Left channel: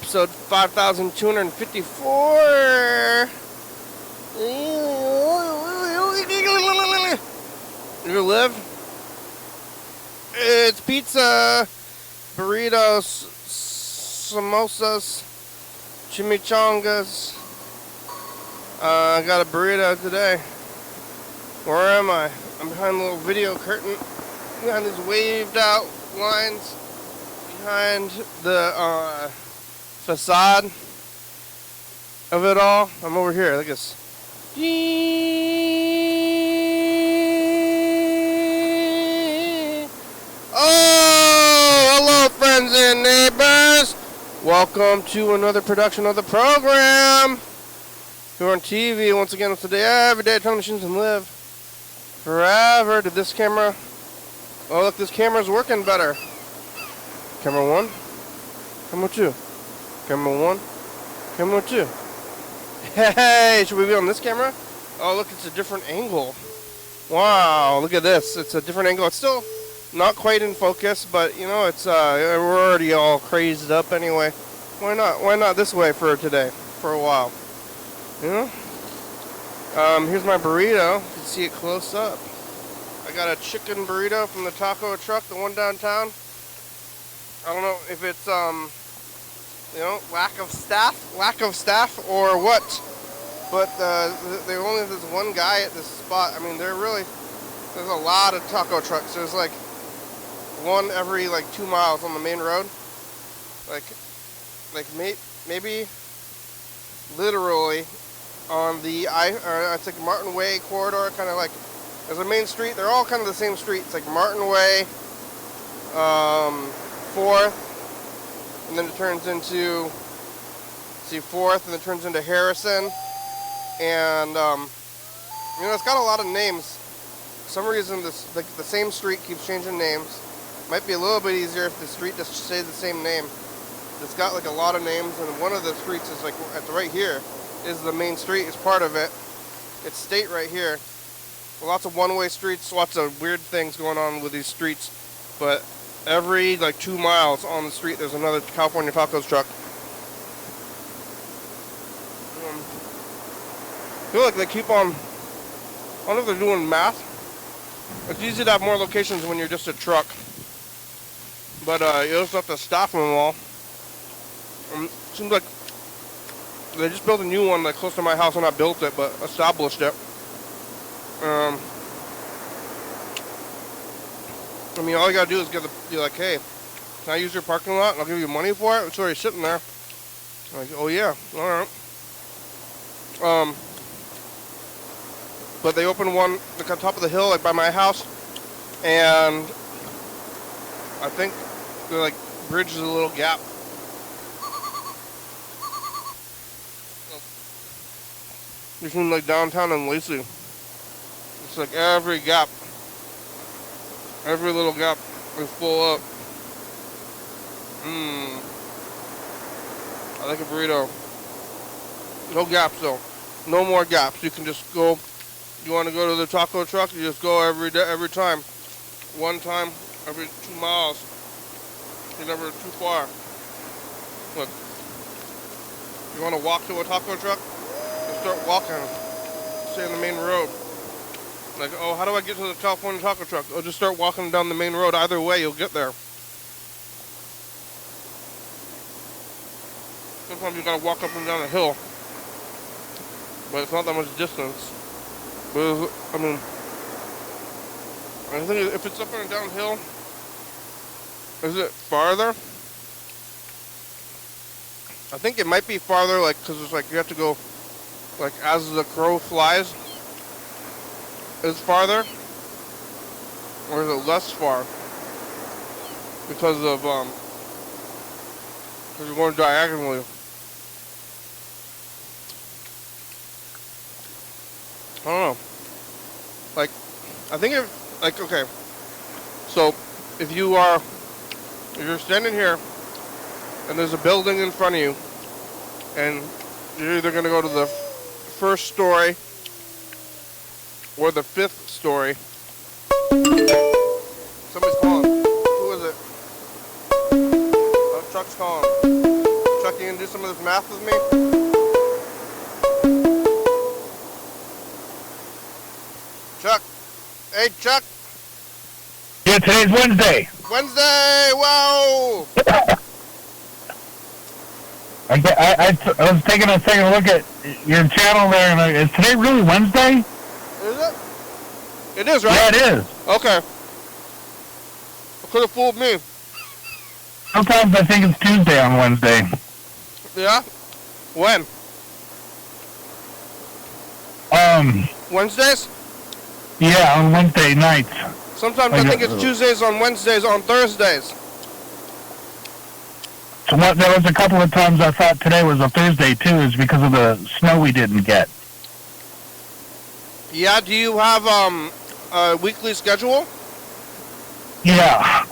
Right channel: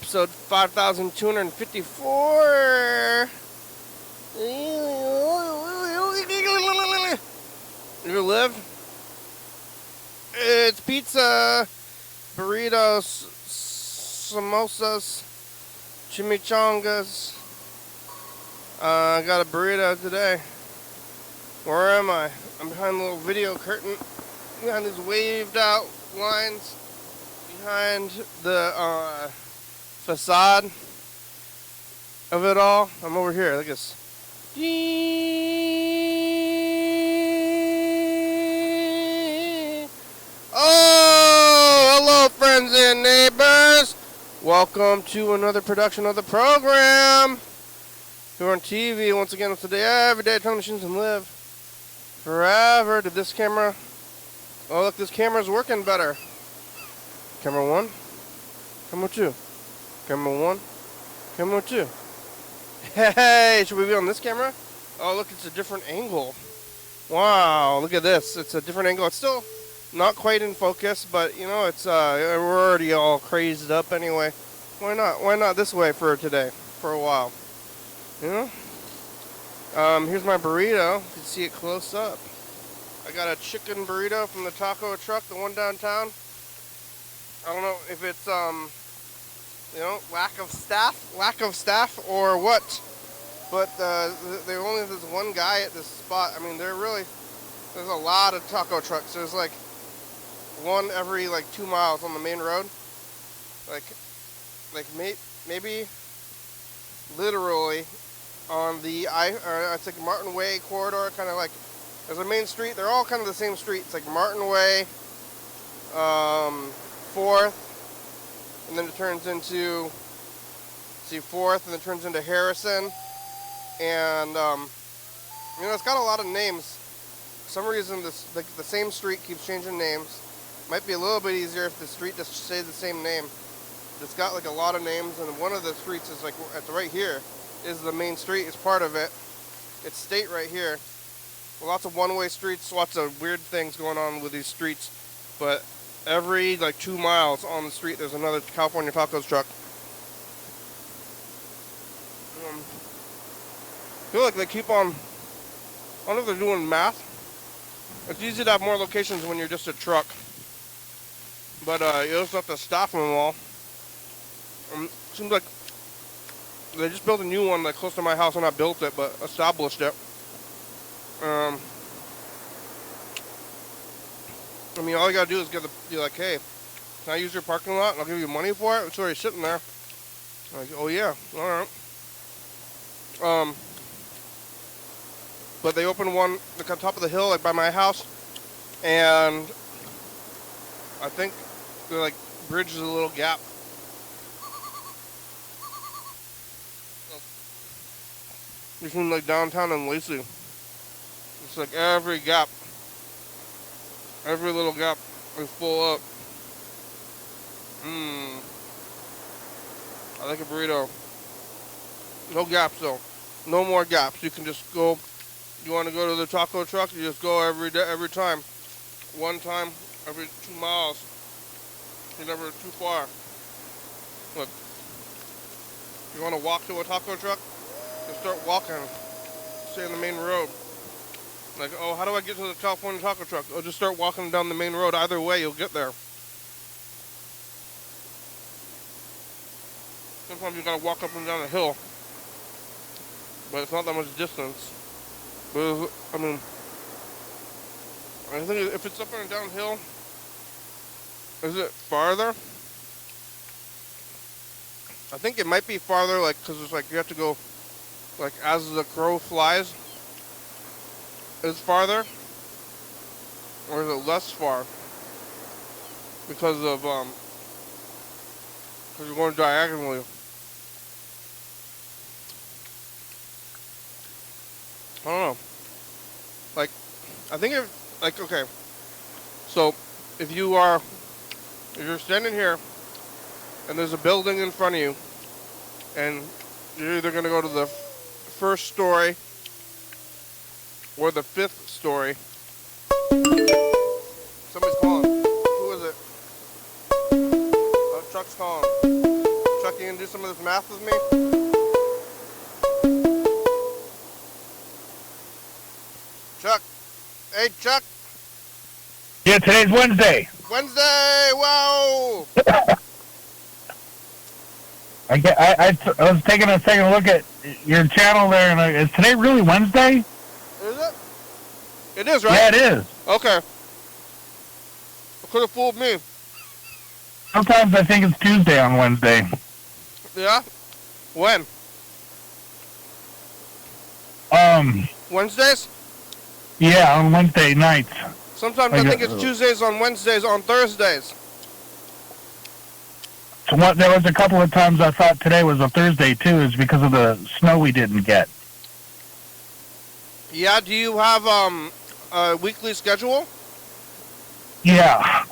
Episode 5254. You live? It's pizza, burritos, samosas, chimichangas. I got a burrito today. Where am I? I'm behind a little video curtain, behind these waved out lines, behind the facade of it all. I'm over here. Look at this. Oh, hello, friends and neighbors. Welcome to another production of the program. You're on TV once again with today. Every day, time machines and live forever. Did this camera? Oh, look, this camera's working better. Camera one. Camera two. Camera one. Camera two. Hey, should we be on this camera? Oh, look, it's a different angle. Wow, look at this. It's a different angle. It's still not quite in focus, but you know, it's we're already all crazed up anyway. Why not? Why not this way for today? For a while. You know? Here's my burrito. You can see it close up. I got a chicken burrito from the taco truck, the one downtown. I don't know if it's you know, lack of staff or what, but there only this one guy at this spot. I mean, there's a lot of taco trucks. There's like one every like 2 miles on the main road, like maybe literally on the I think Martin Way corridor, kind of like there's a main street. They're all kind of the same street. It's like Martin Way, 4th. And then it turns into, 4th, and then it turns into Harrison. And, you know, it's got a lot of names. For some reason, the same street keeps changing names. Might be a little bit easier if the street just stays the same name. It's got, like, a lot of names, and one of the streets is, like, it's right here, is the main street, is part of it. It's state right here. Lots of one-way streets, lots of weird things going on with these streets. But every like 2 miles on the street, there's another California Tacos truck. I feel like they keep on. I wonder if they're doing math. It's easy to have more locations when you're just a truck, but you also have to staff them all. Seems like they just built a new one like close to my house, and not built it, but established it. I mean, all you gotta do is be like, hey, can I use your parking lot? I'll give you money for it. It's already sitting there. I'm like, oh yeah, all right. But they opened one like on top of the hill, like by my house, and I think they like bridges a little gap. Between like downtown and Lacey. It's like every gap. Every little gap is full up. I like a burrito. No gaps though. No more gaps. You can just go. You want to go to the taco truck? You just go every day, every time. One time every 2 miles. You're never too far. Look. You want to walk to a taco truck? Just start walking. Stay in the main road. Like, oh, how do I get to the California taco truck? Oh, just start walking down the main road. Either way, you'll get there. Sometimes you gotta walk up and down a hill, but it's not that much distance. But I mean, I think if it's up and downhill, is it farther? I think it might be farther, like, cause it's like you have to go, like, as the crow flies. Is farther, or is it less far? Because of because you're going diagonally. I don't know. Like, I think okay. So if you're standing here and there's a building in front of you, and you're either gonna go to the first story or the 5th story. Somebody's calling. Who is it? Oh, Chuck's calling. Chuck, you gonna do some of this math with me? Chuck. Hey, Chuck. Yeah, today's Wednesday. Wednesday, whoa! I was taking a second look at your channel there, and is today really Wednesday? Is it? It is, right? Yeah, it is. Okay. Could have fooled me. Sometimes I think it's Tuesday on Wednesday. Yeah? When? Wednesdays? Yeah, on Wednesday nights. Sometimes I think it's Tuesdays on Wednesdays on Thursdays. So there was a couple of times I thought today was a Thursday too, is because of the snow we didn't get. Yeah, do you have a weekly schedule? Yeah.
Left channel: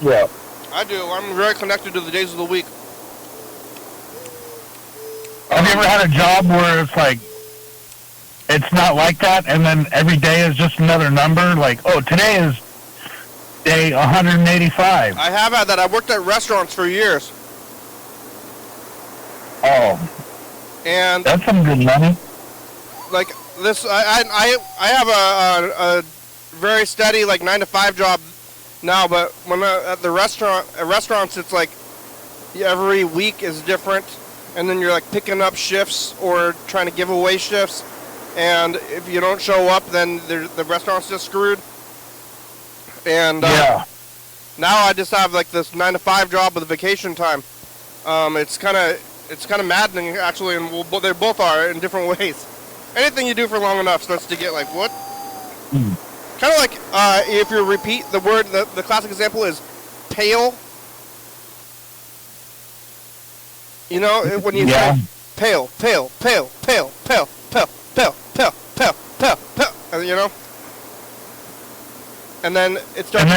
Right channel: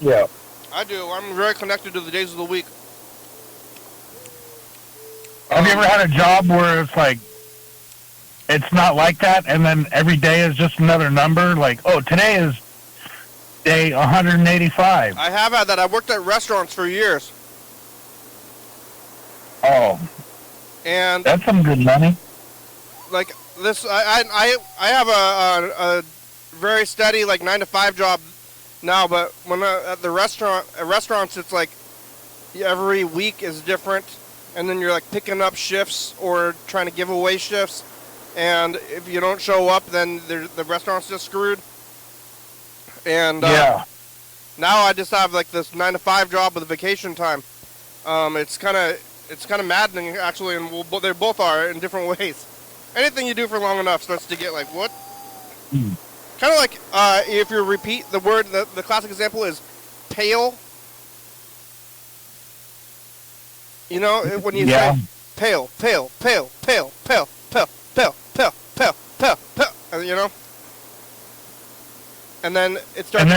Yeah. I do. I'm very connected to the days of the week. Have you ever had a job where it's like, it's not like that, and then every day is just another number? Like, oh, today is day 185. I have had that. I worked at restaurants for years. Oh. And that's some good money. Like this, I have a very steady like 9-to-5 job now, but when at restaurants, it's like every week is different, and then you're like picking up shifts or trying to give away shifts, and if you don't show up, then the restaurant's just screwed. And yeah. Now I just have like this 9-to-5 job with vacation time. It's kind of maddening actually, and they both are in different ways. Anything you do for long enough starts to get like, what? Kind of like if you repeat the word, the classic example is pale. You know, when you say pale, pale, pale, pale, pale, pale, pale, pale, pale, pale, pale, you know? And then it starts,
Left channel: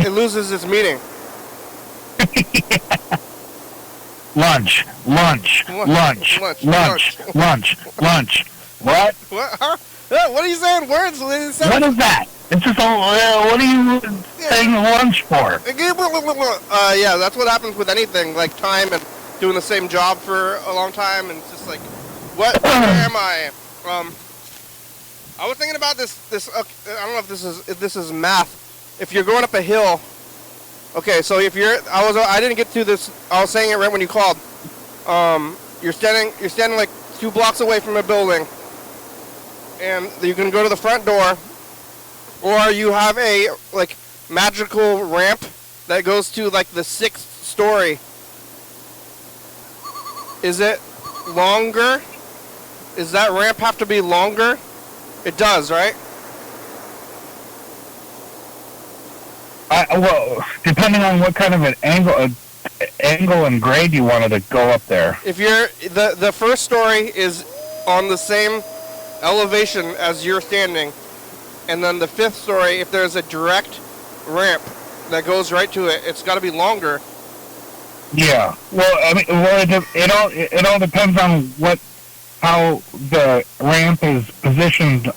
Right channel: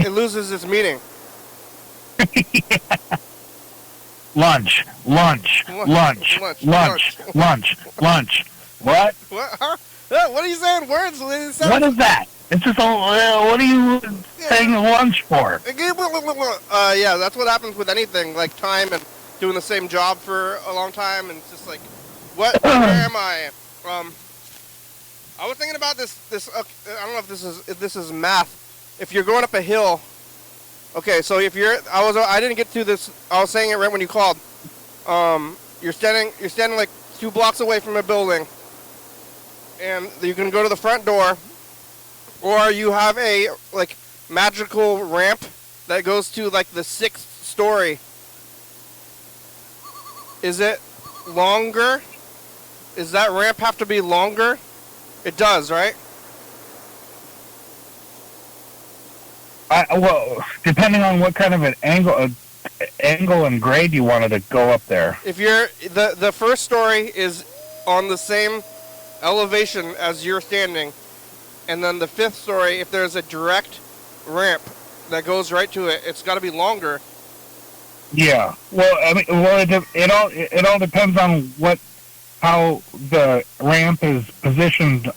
it loses its meaning. Lunch, lunch, lunch, lunch, lunch, lunch. What? What? Huh? What are you saying? Words? What is that? It's just what are you saying lunch for? Yeah, that's what happens with anything, like time and doing the same job for a long time, and it's just like, where am I? I was thinking about this. I don't know if this is math. If you're going up a hill, okay. So if I didn't get through this. I was saying it right when you called. You're standing like 2 blocks away from a building, and you can go to the front door, or you have a like magical ramp that goes to like the 6th story. Is it longer? Does that ramp have to be longer? It does, right? Well, depending on what kind of an angle and grade you wanted to go up there. If you're the first story is on the same elevation as you're standing, and then the 5th story, if there's a direct ramp that goes right to it, it's got to be longer. Yeah. Well, I mean, it all depends on how the ramp is positioned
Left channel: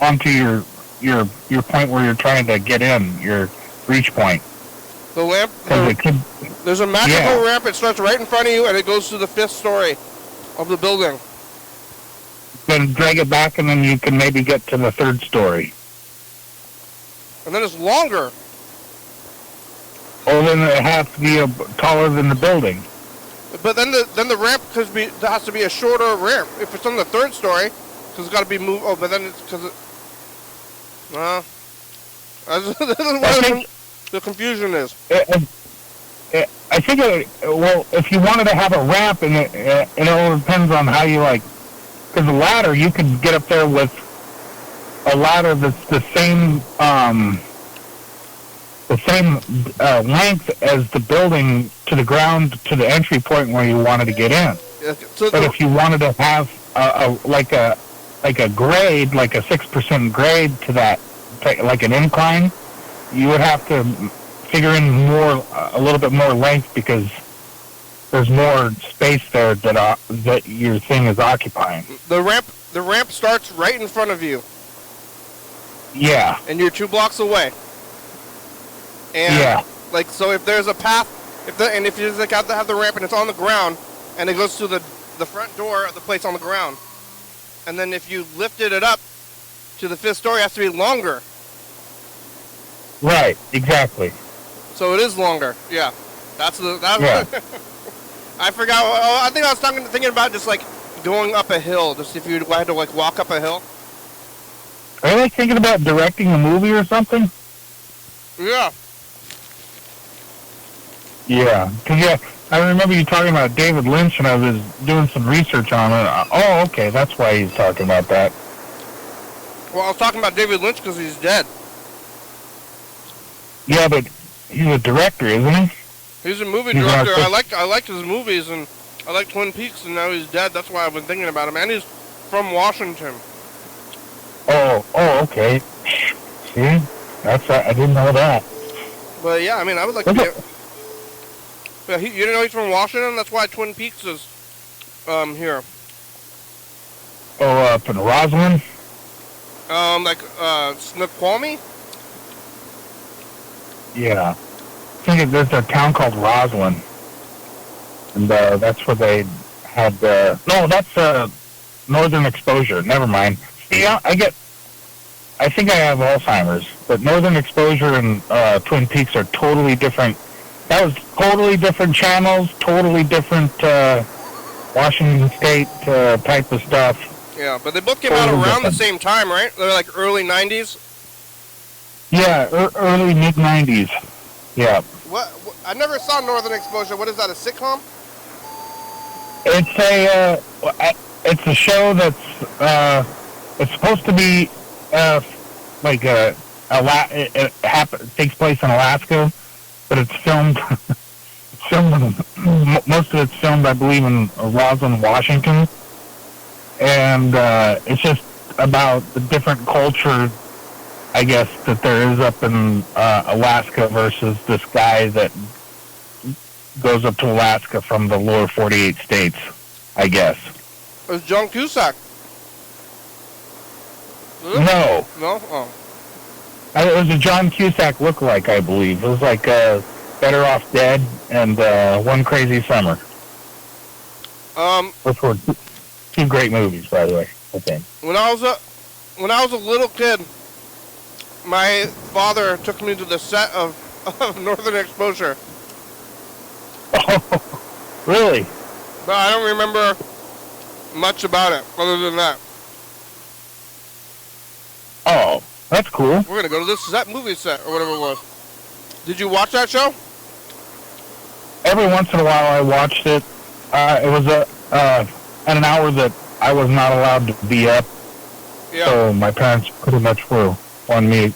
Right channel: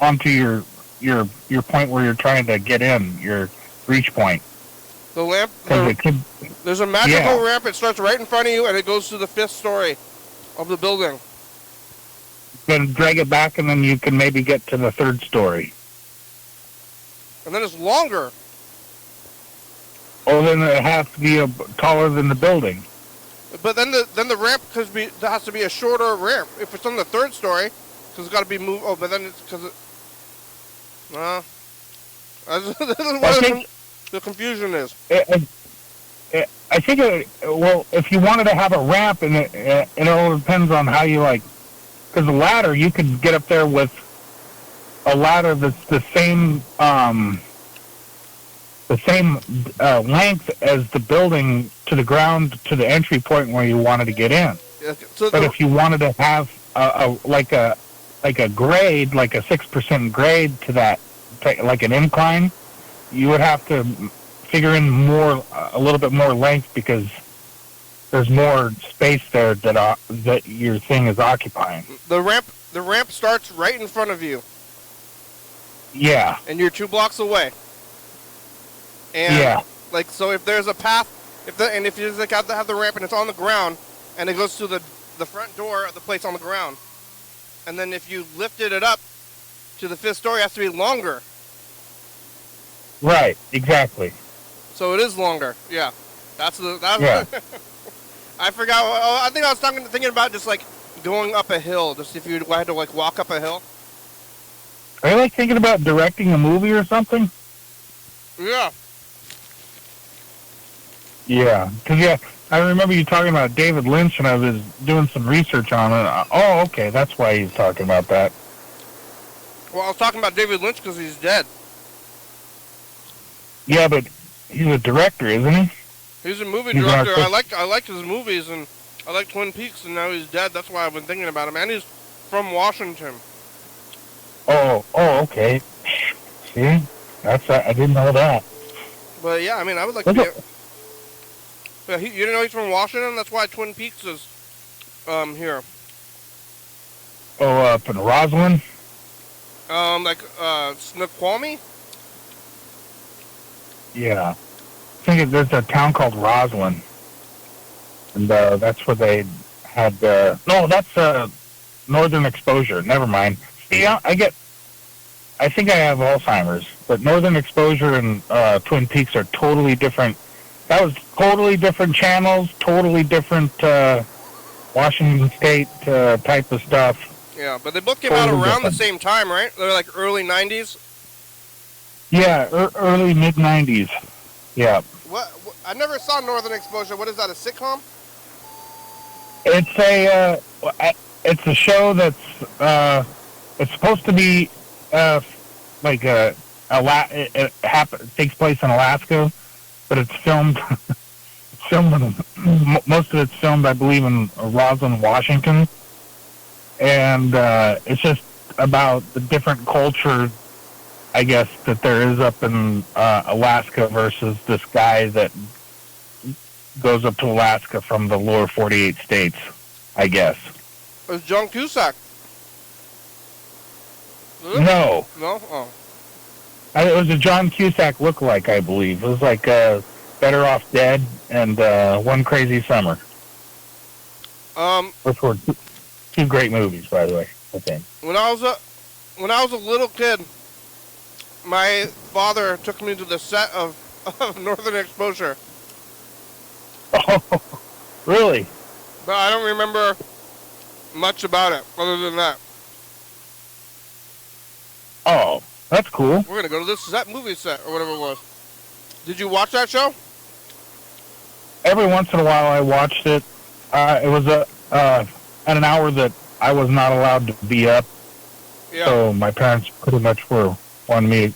onto your point where you're trying to get in, your reach point. The ramp, there's a magical ramp. It starts right in front of you, and it goes to the 5th story of the building. Then drag it back, and then you can maybe get to the 3rd story. And then it's longer. Well, then it has to be taller than the building. But then the ramp has to be a shorter ramp if it's on the 3rd story, because it's got to be moved. Oh, but then it's because it. The confusion is. I think if you wanted to have a ramp, and it all depends on how you like. Because a ladder, you could get up there with a ladder that's the same length as the building to the ground to the entry point where you wanted to get in. But if you wanted to have a grade, like a 6% grade to that, like an incline, you would have to figure in a little bit more length, because there's more space there that your thing is occupying. The ramp starts right in front of you. Yeah. And you're 2 blocks away. And yeah. Like, so if there's a path If you just got to have the ramp and it's on the ground, and it goes to the front door of the place on the ground, and then if you lifted it up to the 5th story, it has to be longer. Right, exactly. So it is longer. Yeah, that's Yeah. I forgot. Oh, I think I was thinking about just like going up a hill. Just if you had to like walk up a hill. Are you like thinking about directing a movie or something? Yeah. Yeah, because I remember you talking about David Lynch, and I was doing some research on it. Oh, okay, that's why he's talking about that. Well, I was talking about David Lynch because he's dead. Yeah, but he's a director, isn't he? He's a movie director. I liked his movies, and I like Twin Peaks, and now he's dead. That's why I've been thinking about him. And he's from Washington. Oh, okay. See, I didn't know that. But yeah, I mean, I would like to get. Yeah, you didn't know he's from Washington? That's why Twin Peaks is here. Oh, up in Roslyn? Like Snoqualmie? Yeah. I think there's a town called Roslyn. And that's where they had no, that's Northern Exposure. Never mind. Yeah, I think I have Alzheimer's, but Northern Exposure and Twin Peaks are totally different. That was totally different channels, totally different Washington State type of stuff. Yeah, but they both came out around the same time, right? They're like early 90s? Yeah, early mid-90s. Yeah. What? I never saw Northern Exposure. What is that, a sitcom? It's a show that's it's supposed to be like it takes place in Alaska, but it's filmed most of it's filmed, I believe, in Roslyn, Washington, and it's just about the different culture, I guess, that there is up in Alaska versus this guy that goes up to Alaska from the lower 48 states, I guess. It was John Cusack. No. No? Oh. It was a John Cusack lookalike, I believe. It was like Better Off Dead and One Crazy Summer. Which were two great movies, by the way, I think. When I was a little kid, my father took me to the set of Northern Exposure. Oh, really? But I don't remember much about it other than that. Oh, that's cool. We're going to go to this movie set or whatever it was. Did you watch that show? Every once in a while I watched it. It was at an hour that I was not allowed to be up. Yeah. So my parents pretty much were on me.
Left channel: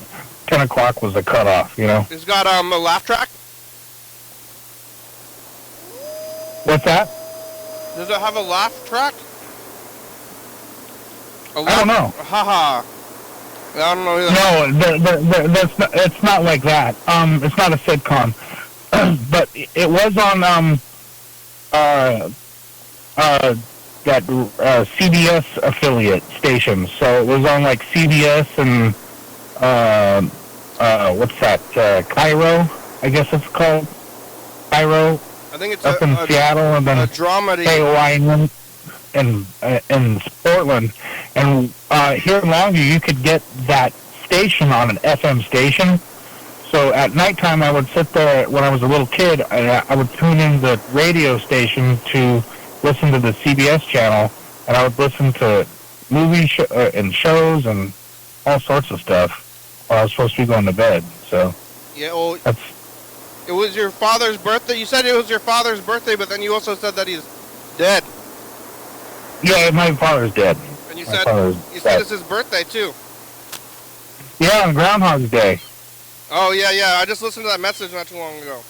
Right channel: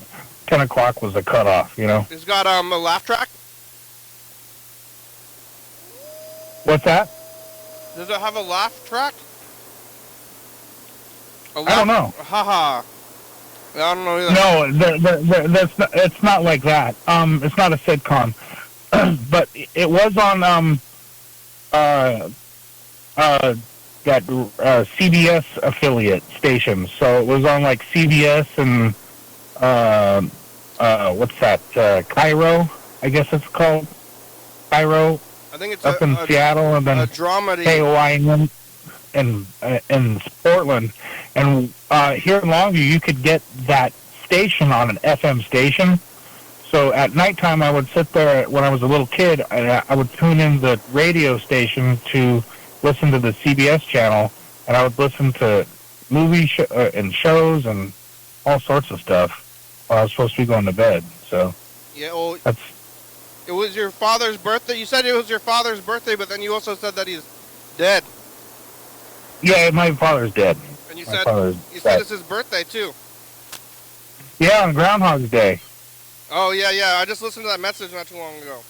10 o'clock was the cutoff, you know. It's got a laugh track? What's that? Does it have a laugh track? I don't know. Haha. I don't know either. No, it's not like that. It's not a sitcom. But it was on that CBS affiliate station. So it was on like CBS and what's that? Cairo, I guess it's called. Cairo. I think it's up in Seattle, and then a dramedy in Portland. And here in Longview, you could get that station on an FM station. So at nighttime, I would sit there when I was a little kid. I would tune in the radio station to listen to the CBS channel, and I would listen to movies and shows and all sorts of stuff while I was supposed to be going to bed. So yeah, well, that's. It was your father's birthday. You said it was your father's birthday, but then you also said that he's dead. Yeah, my father's dead. And you said it's his birthday too. Yeah, on Groundhog's Day. Oh yeah. I just listened to that message not too long ago.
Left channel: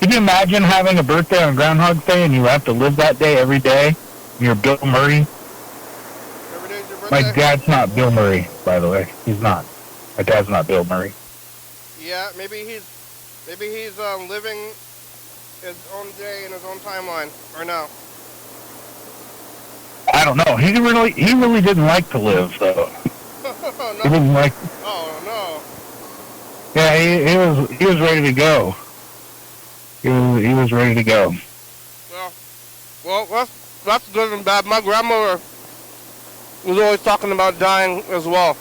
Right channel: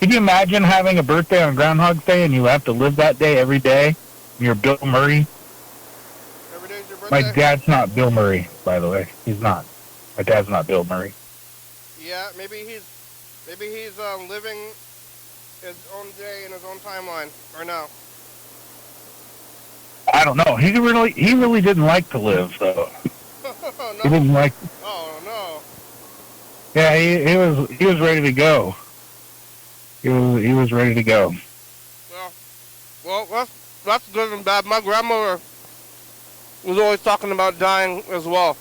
Can you imagine having a birthday on Groundhog's Day and you have to live that day every day? You're Bill Murray. Every day's your birthday? My dad's not Bill Murray, by the way. He's not. My dad's not Bill Murray. Yeah, maybe he's living his own day in his own timeline, or no? I don't know. He really didn't like to live, though. No. He didn't like. Oh no. Yeah, Yeah, he was ready to go. He was ready to go. Well, that's good and bad. My grandmother was always talking about dying as well.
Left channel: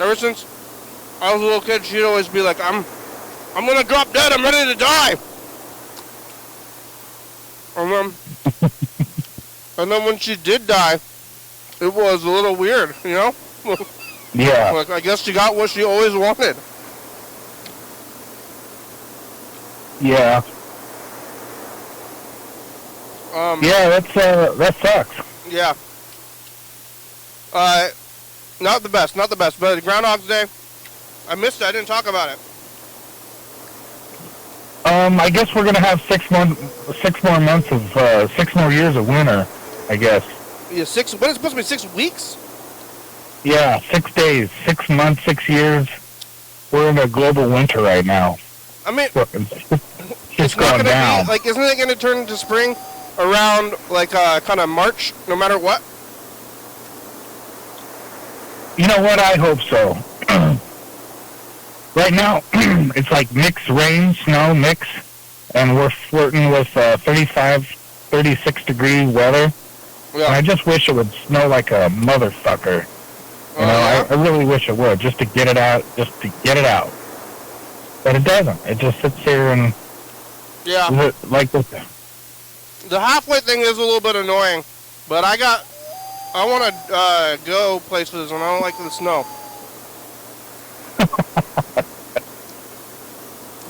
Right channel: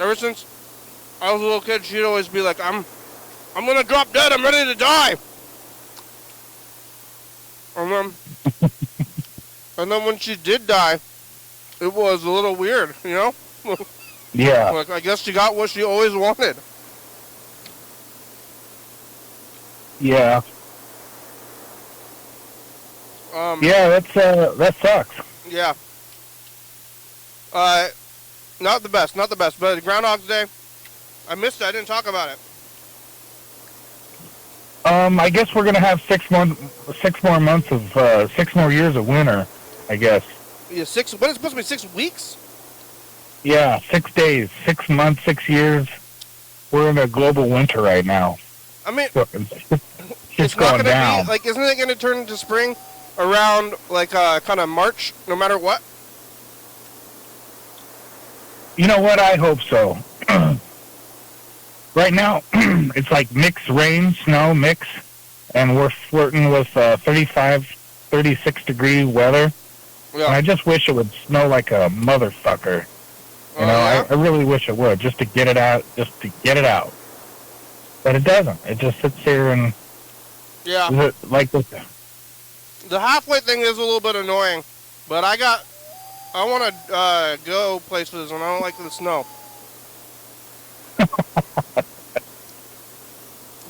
Ever since I was a little kid, she'd always be like, I'm gonna drop dead, I'm ready to die. And then when she did die, it was a little weird, you know? Yeah. Like, I guess she got what she always wanted. Yeah. Yeah, that sucks. Yeah. Not the best, but Groundhog's Day, I missed it, I didn't talk about it. I guess we're gonna have 6 more months of 6 more years of winter, I guess. Yeah, what is it supposed to be, 6 weeks? Yeah, 6 days, 6 months, 6 years. We're in a global winter right now. I mean, it's going down. Like, isn't it gonna turn into spring around, like, kind of March, no matter what? You know what? I hope so. Right now, it's like mix rain, snow, mix, and we're flirting with 35, 36 degree weather. Yeah. And I just wish it would snow like a motherfucker. You know, yeah. I really wish it would, just to get it out, But it doesn't. It just sits there and... Yeah. Like this. The halfway thing is a little bit annoying, but I want to go places and I don't like the snow.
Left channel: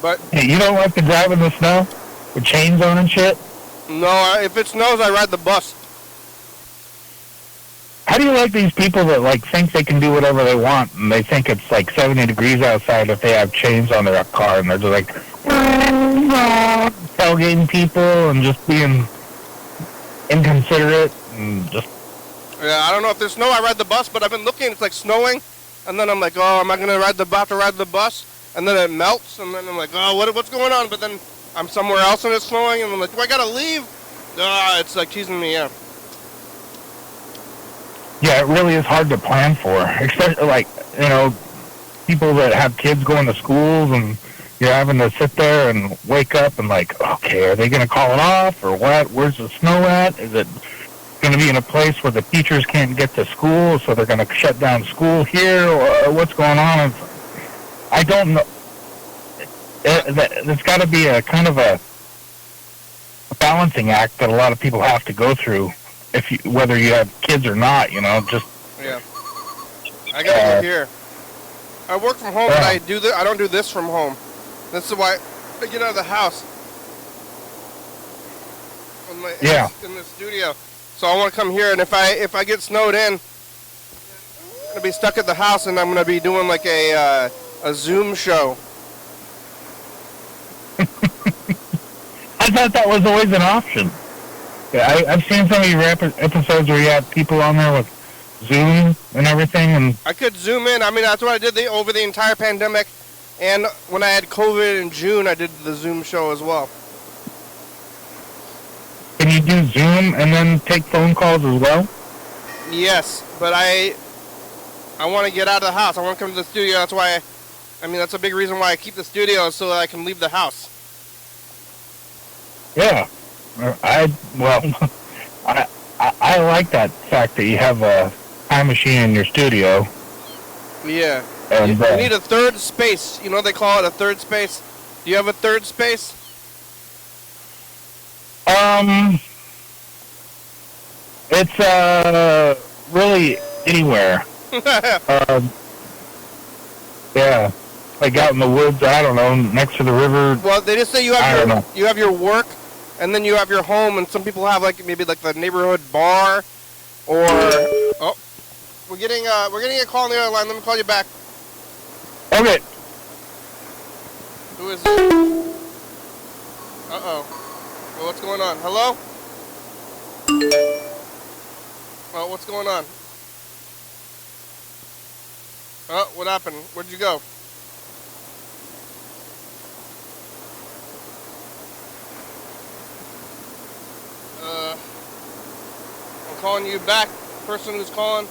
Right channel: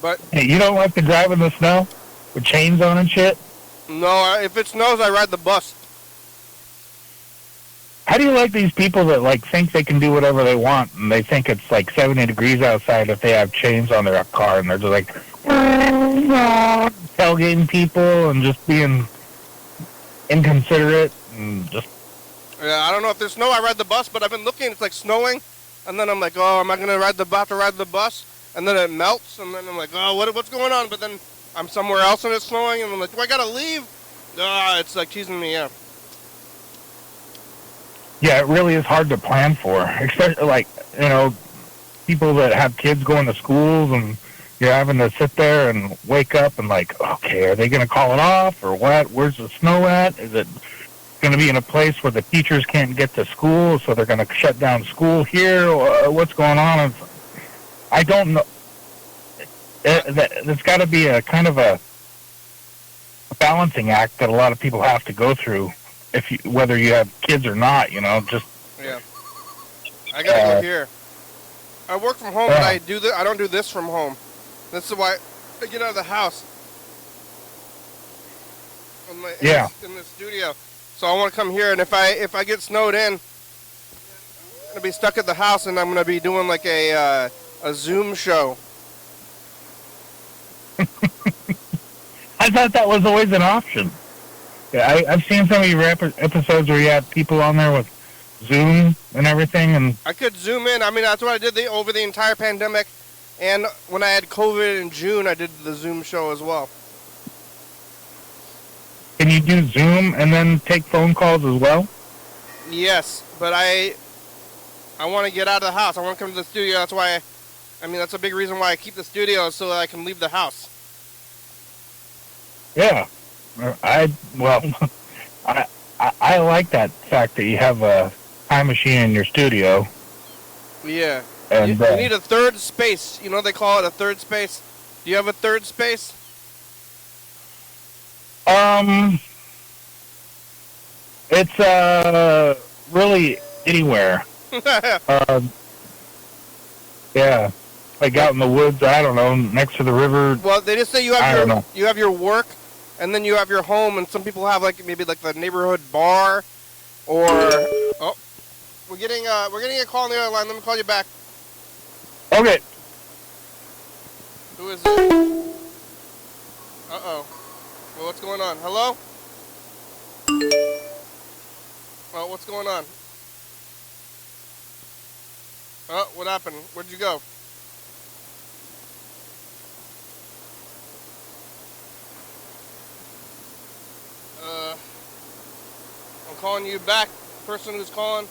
But hey, you don't like to drive in the snow with chains on and shit? No, if it snows, I ride the bus. How do you like these people that like think they can do whatever they want and they think it's like 70 degrees outside if they have chains on their car and they're just like tailgating people and just being inconsiderate and just... Yeah, I don't know if there's snow, I ride the bus, but I've been looking, it's like snowing, and then I'm like, oh, am I going to ride the bus? And then it melts, and then I'm like, oh, what's going on? But then I'm somewhere else and it's snowing, and I'm like, do I gotta leave? It's like teasing me, yeah. Yeah, it really is hard to plan for, especially like, you know, people that have kids going to schools and you're having to sit there and wake up and like, okay, are they going to call it off or what? Where's the snow at? Is it going to be in a place where the teachers can't get to school, so they're going to shut down school here, or what's going on? And I don't know. There's got to be a kind of a balancing act that a lot of people have to go through, whether you have kids or not. You know, just yeah. I gotta go here. I work from home, but I don't do this from home. This is why I get out of the house. In the studio. So I want to come here, and if I get snowed in, I'm gonna be stuck at the house, and I'm gonna be doing like a Zoom show. I thought that was always an option. Yeah, I've seen some of your episodes where you have people on there with Zoom and everything. And I could Zoom in. I mean, that's what I did over the entire pandemic. And when I had COVID in June, I did the Zoom show as well. Can you do Zoom and then take phone calls as well? Yes, but I want to get out of the house. I want to come to the studio. That's why, that's a big reason why I keep the studio, so that I can leave the house. Yeah. I like that fact that you have a time machine in your studio. Yeah. And, you need a third space. You know they call it a third space? Do you have a third space? It's really anywhere. Yeah. Like out in the woods, I don't know, next to the river. Well, they just say you have your work, and then you have your home, and some people have maybe the neighborhood bar, or we're getting a call on the other line. Let me call you back. Okay. Who is it? Uh-oh. Well, what's going on? Hello? Oh, what's going on? Oh, what happened? Where'd you go? I'm calling you back, person who's calling,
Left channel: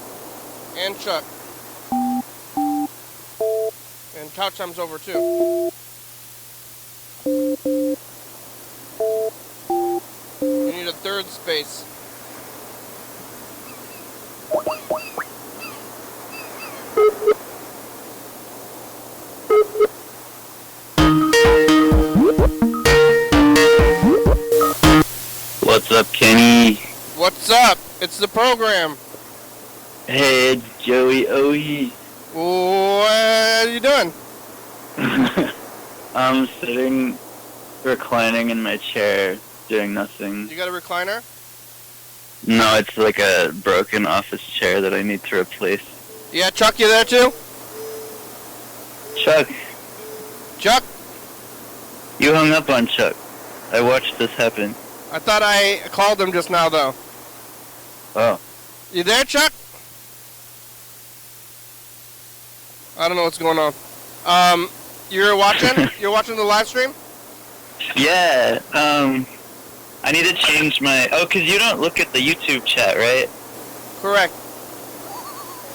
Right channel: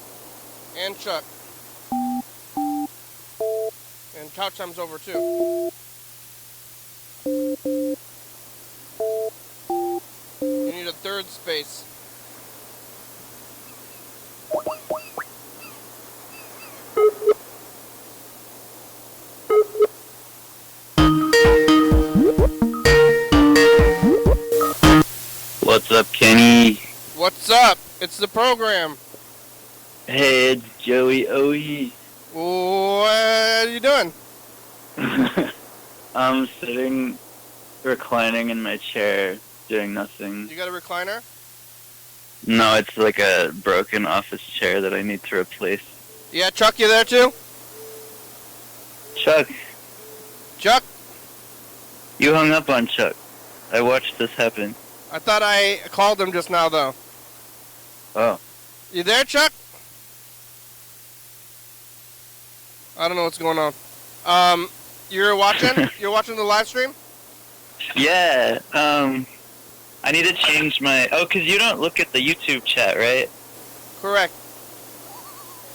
and Chuck. And couch time's over too. You need a third space. What's up, Kenny? What's up? It's the program. Hey, it's Joey Oe. What are you doing? I'm sitting, reclining in my chair, doing nothing. You got a recliner? No, it's like a broken office chair that I need to replace. Yeah, Chuck, you there too? Chuck, Chuck? you hung up on Chuck. I watched this happen. I thought I called him just now, though. Oh. You there, Chuck? I don't know what's going on. You're watching? You're watching the live stream? Yeah, I need to change my... Oh, because you don't look at the YouTube chat, right? Correct.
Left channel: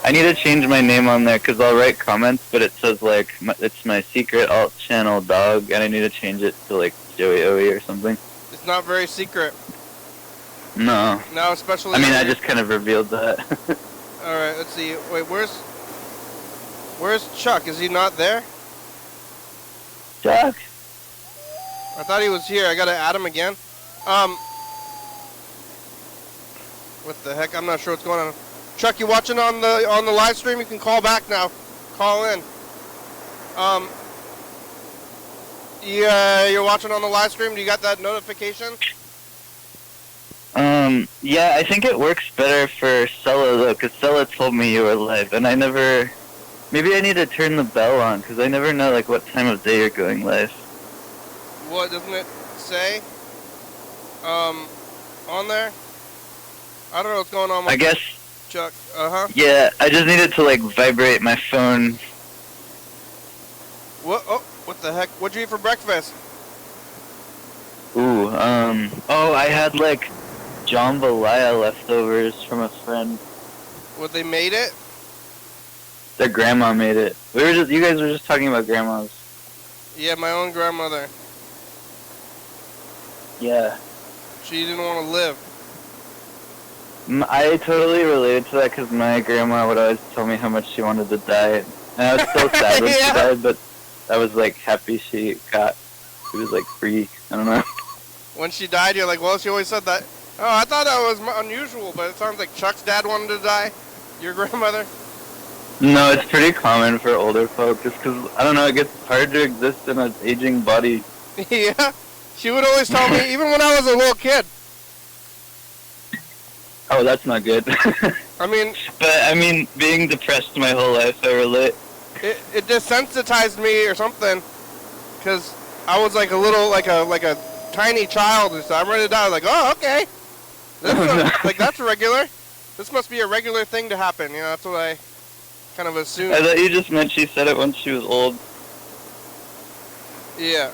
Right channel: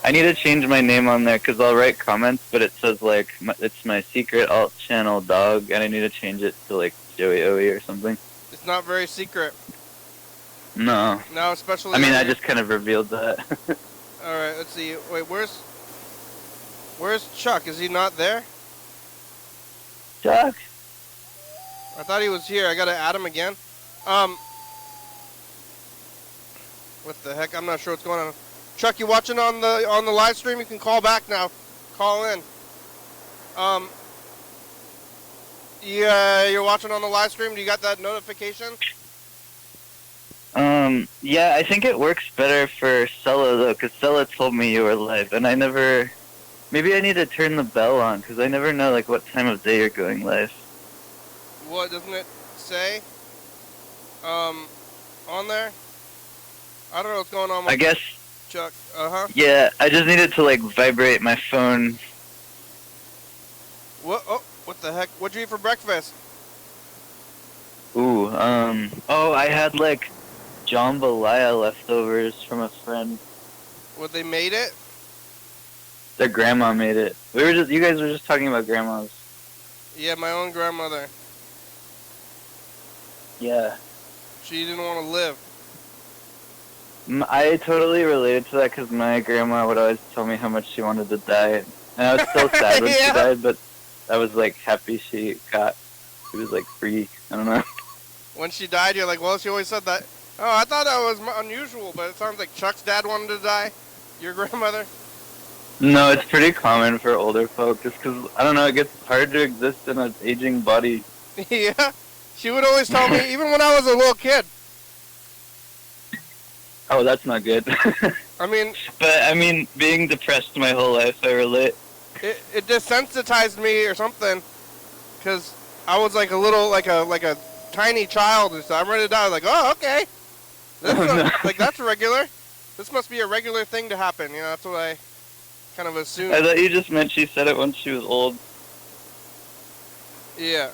I need to change my name on there because I'll write comments, but it says, like, it's my secret alt channel dog, and I need to change it to, like, Joey Oe or something. It's not very secret. No. No, especially... I mean, I just kind of revealed that. Alright, let's see. Wait, where's Chuck? Is he not there? Chuck? I thought he was here. I gotta add him again. What the heck? I'm not sure what's going on. Chuck, you watching on the live stream? You can call back now. Call in. Yeah, you're watching on the live stream. Do you got that notification? Yeah, I think it works better for Sella, though, because Sella told me you were live, and I never... Maybe I need to turn the bell on, because I never know, like, what time of day you're going live. What, doesn't it say? On there? I don't know what's going on with I guess... Chuck. Uh-huh. Yeah, I just needed to, like, vibrate my phone. What? Oh, what the heck? What'd you eat for breakfast? Ooh, oh, I had, like, jambalaya leftovers from a friend. What, they made it? Their grandma made it. You guys were just talking about grandmas. Yeah, my own grandmother. Yeah. She didn't want to live. I totally related to that because my grandma would always tell me how much she wanted to die. And I was so sad when she died, but I was, like, happy she was, like, free. I don't know. When she died, you're like, well, she always said that. Oh, I thought that was unusual, but it sounds like Chuck's dad wanted to die. Your grandmother? No, it's pretty common for older folk, just because, I don't know, it gets hard to exist in an aging body. Yeah? She would always tell me, even when I was a little kid. Oh, that's not good. I mean... But, I mean, being depressed my whole life, I relate. It desensitized me or something, because I was like a little, like a tiny child, and so I'm ready to die. I was like, oh, okay. Like, that's regular. This must be a regular thing to happen, you know, that's what I kind of assumed. I thought you just meant she said it when she was old. Yeah.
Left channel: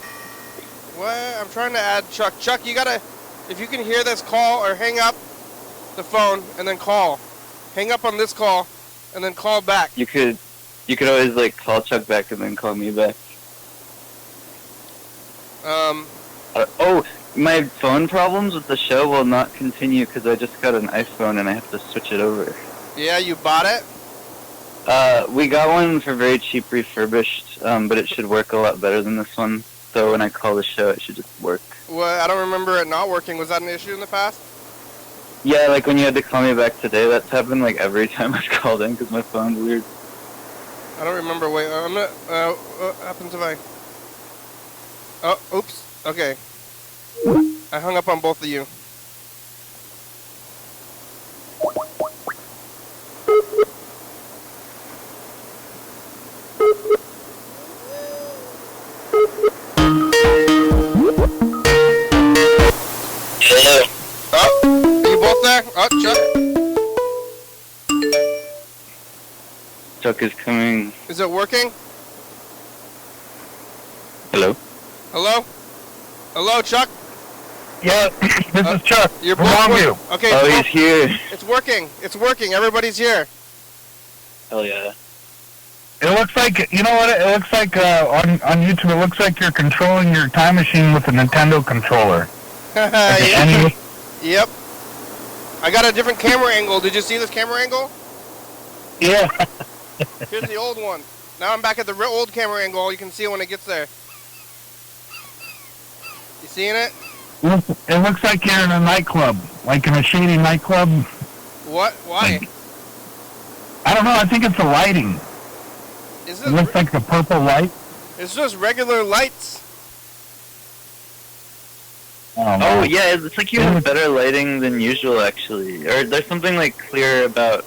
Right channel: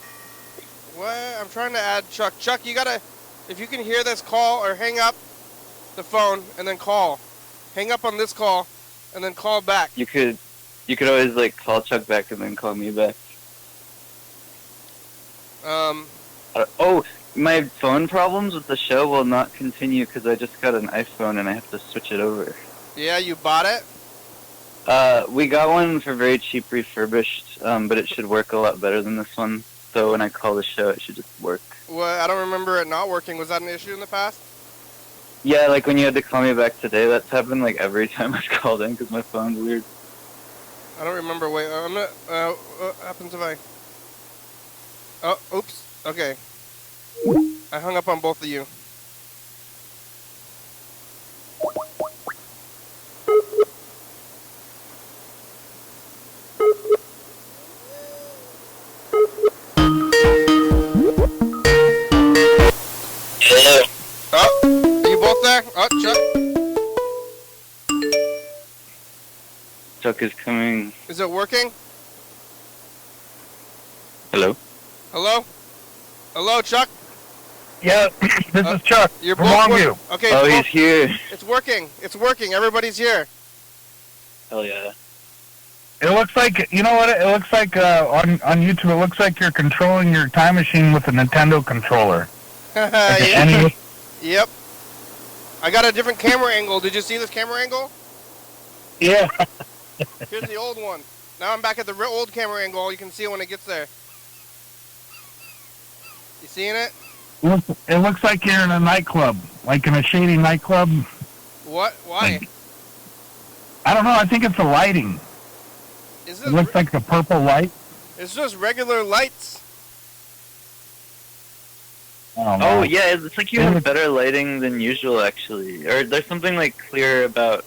What? I'm trying to add Chuck. Chuck, you gotta, if you can hear this, call or hang up the phone and then call. Hang up on this call and then call back. You could always, like, call Chuck back and then call me back. Oh, my phone problems with the show will not continue because I just got an iPhone and I have to switch it over. Yeah, you bought it? We got one for very cheap refurbished, but it should work a lot better than this one. So when I call the show, it should just work. Well, I don't remember it not working. Was that an issue in the past? Yeah, like when you had to call me back today, that's happened like every time I've called in because my phone's weird. I don't remember. Wait, I'm not. What happens if I? Oh, oops. Okay. I hung up on both of you. Oh, are you both there? Oh, Chuck. Chuck is coming. Is it working? Hello? Hello? Hello, Chuck? Yeah, this is Chuck. You're from both Longview. Okay, Oh, he's here. it's working. It's working. Everybody's here. Hell yeah. It looks like, you know what, it looks like on YouTube, it looks like you're controlling your time machine with a Nintendo controller. Yep. Yep. I got a different camera angle. Did you see this camera angle? Yeah. Here's the old one. Now I'm back at the old camera angle. You can see it when it gets there. You seeing it? It looks like you're in a nightclub, like in a shady nightclub. What? Why? I don't know. I think it's the lighting. It looks like the purple light. It's just regular lights. Oh, yeah, it's like you have better lighting than usual, actually. Or there's something, like, clear about...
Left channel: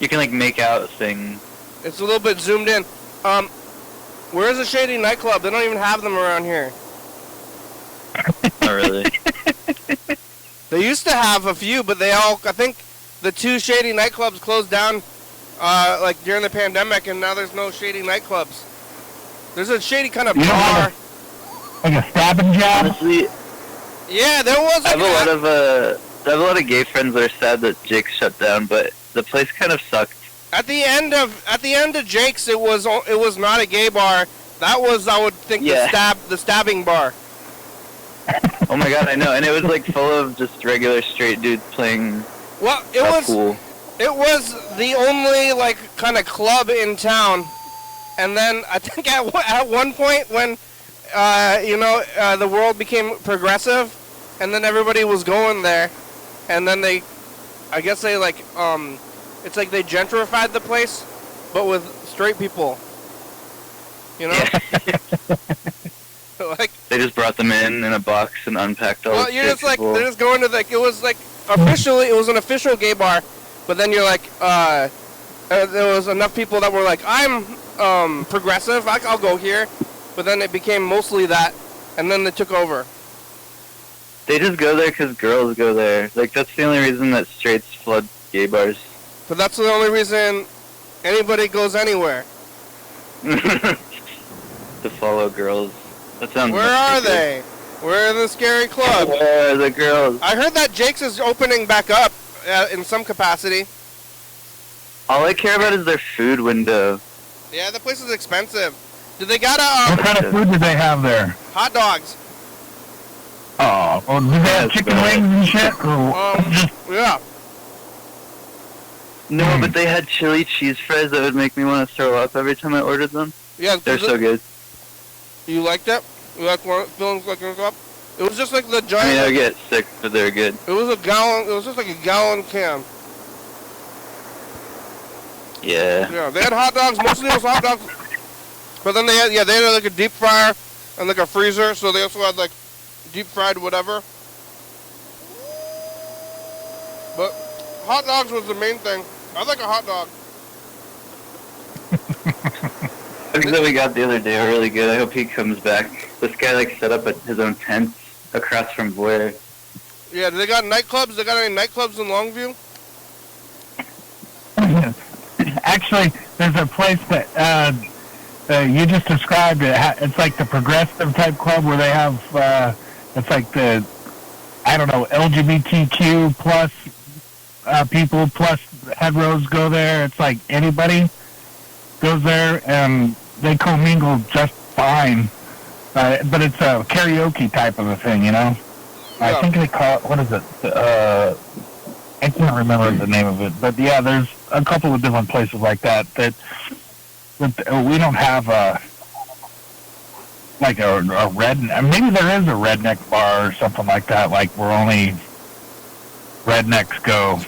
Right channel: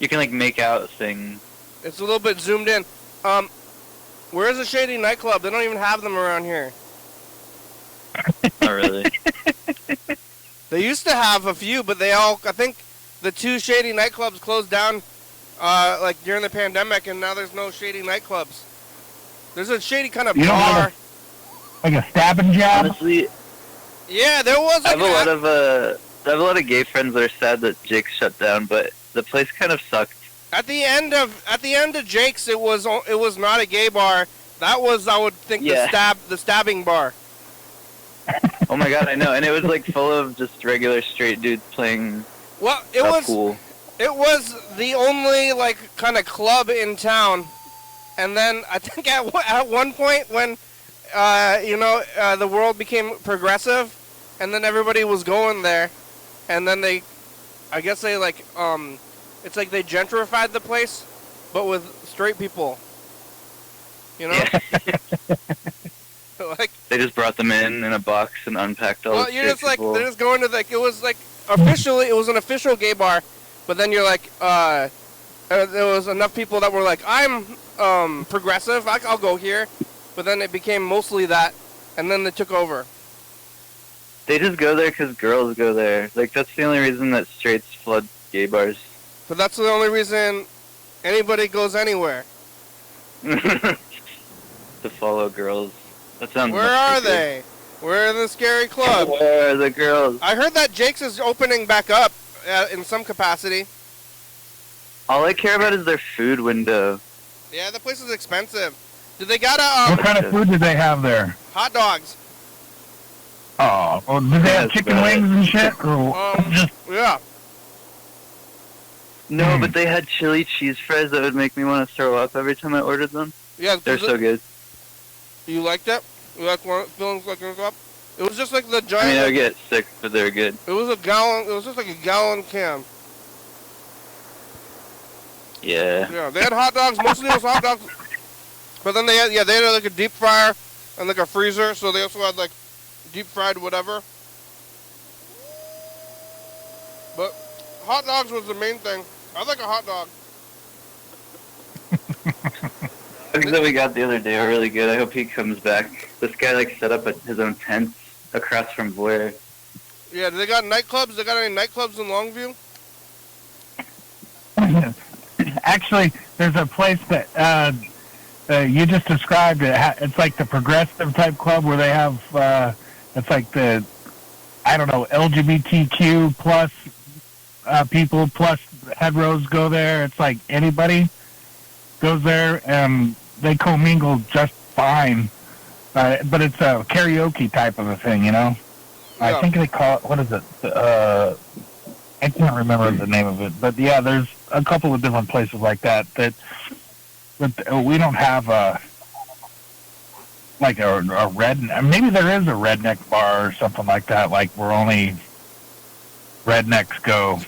You can, like, make out things. It's a little bit zoomed in. Where's the shady nightclub? They don't even have them around here. Not really. They used to have a few, but they all... I think the 2 shady nightclubs closed down, like, during the pandemic, and now there's no shady nightclubs. There's a shady kind of bar. Like a stabbing job? Honestly... Yeah, there was. I have a lot of gay friends that are sad that Jake's shut down, but the place kind of sucked. At the end of Jake's, it was not a gay bar. That was, I would think, the stabbing bar. Oh my god, I know, and it was like full of just regular straight dudes playing. Well, it was the only like kind of club in town, and then I think at one point when. The world became progressive, and then everybody was going there, and then I guess they like, it's like they gentrified the place, but with straight people, you know? Like, they just brought them in a box and unpacked all the you're just like, people. they're just going to like, it was like, officially, it was an official gay bar, but then you're like, there was enough people that were like, I'm, progressive, I'll go here. But then it became mostly that, and then they took over. They just go there because girls go there. Like, that's the only reason that straights flood gay bars. But that's the only reason anybody goes anywhere. To follow girls. That sounds Where are they? Where are the scary clubs? Where are the girls? I heard that Jake's is opening back up in some capacity. All I care about is their food window. Yeah, the place is expensive. Do they got what kind of food do they have there? Hot dogs. Oh, do they have chicken wings and shit? Yeah. No, but they had chili cheese fries that would make me want to throw up every time I ordered them. Yeah, they're so good. You liked that? You like feeling like up? It was just like the giant. I mean, I get sick, but they were good. It was a gallon. It was just like a gallon can. Yeah. Yeah, they had hot dogs. Mostly it was hot dogs. But then they had like a deep fryer and like a freezer, so they also had like deep fried whatever. But hot dogs was the main thing. I like a hot dog. Things that we got the other day are really good. I hope he comes back. This guy like set up his own tent across from Blair. Yeah, do they got nightclubs? They got any nightclubs in Longview? Actually, there's a place that you just described it. It's like the progressive type club where they have, it's like the, I don't know, LGBTQ plus people plus heteros go there. It's like anybody goes there and they commingle just fine. But it's a karaoke type of a thing, you know? Yeah. I think they call it, what is it? I can't remember the name of it. But yeah, there's a couple of different places like that we don't have like a red, maybe there is a redneck bar or something like that, like where only rednecks go.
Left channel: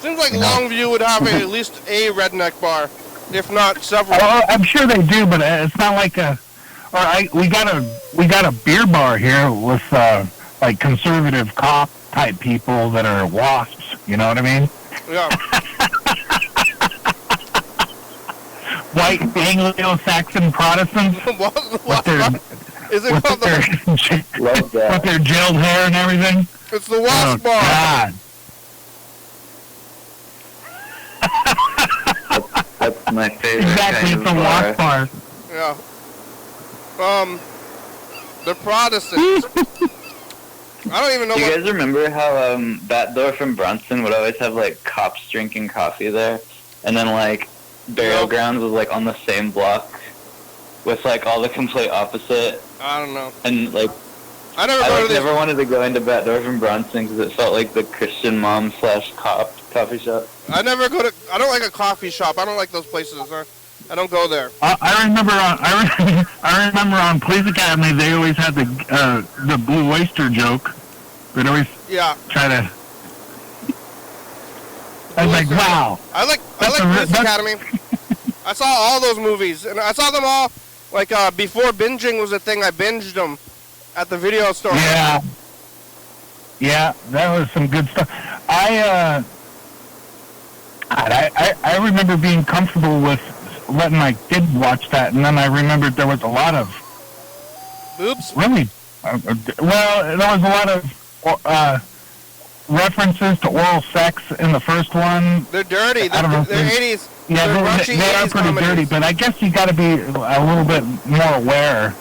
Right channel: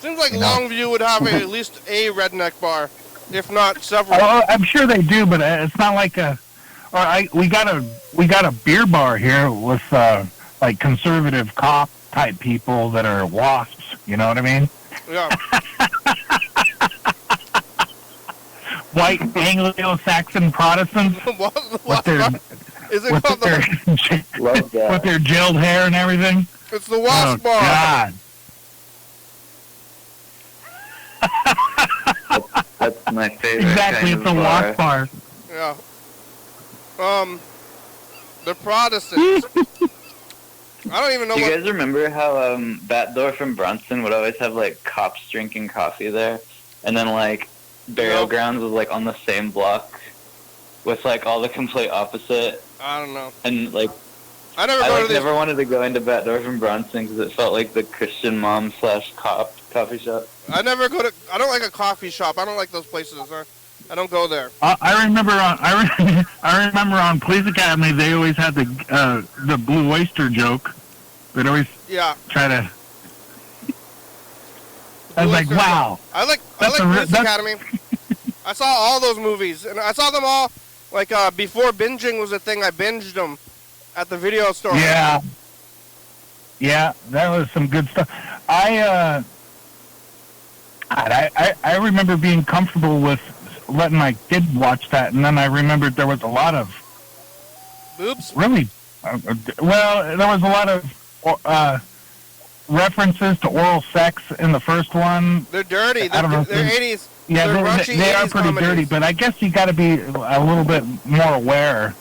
Seems like Longview would have at least a redneck bar, if not several. I'm sure they do, but it's not like we got a beer bar here with like conservative cop type people that are wasps. You know what I mean? Yeah. White Anglo-Saxon Protestants with their gelled hair and everything. It's the Wasp Bar. God. That's my favorite. Exactly, it's the Wasp Bar. Yeah. The Protestants. I don't even know. Do you guys remember how that door from Bronson would always have like cops drinking coffee there, and then like burial grounds was like on the same block with like all the complete opposite. I don't know. And like I never wanted to go into Batdorf and Bronson because it felt like the Christian mom / cop coffee shop. I don't like a coffee shop. I don't like those places. I don't go there. I remember on Police Academy they always had the Blue Oyster joke. They'd always try to. I was like, wow. I like Police Academy. I saw all those movies, and I saw them all like before binging was a thing. I binged them at the video store. Yeah, that was some good stuff. I remember being comfortable with letting my kid watch that, and then I remembered there was a lot of boobs. Really, well, there was a lot of references to oral sex in the first one. They're dirty. I don't know. They're 80s. Yeah, they are pretty dirty, but I guess you got to be a little bit more aware.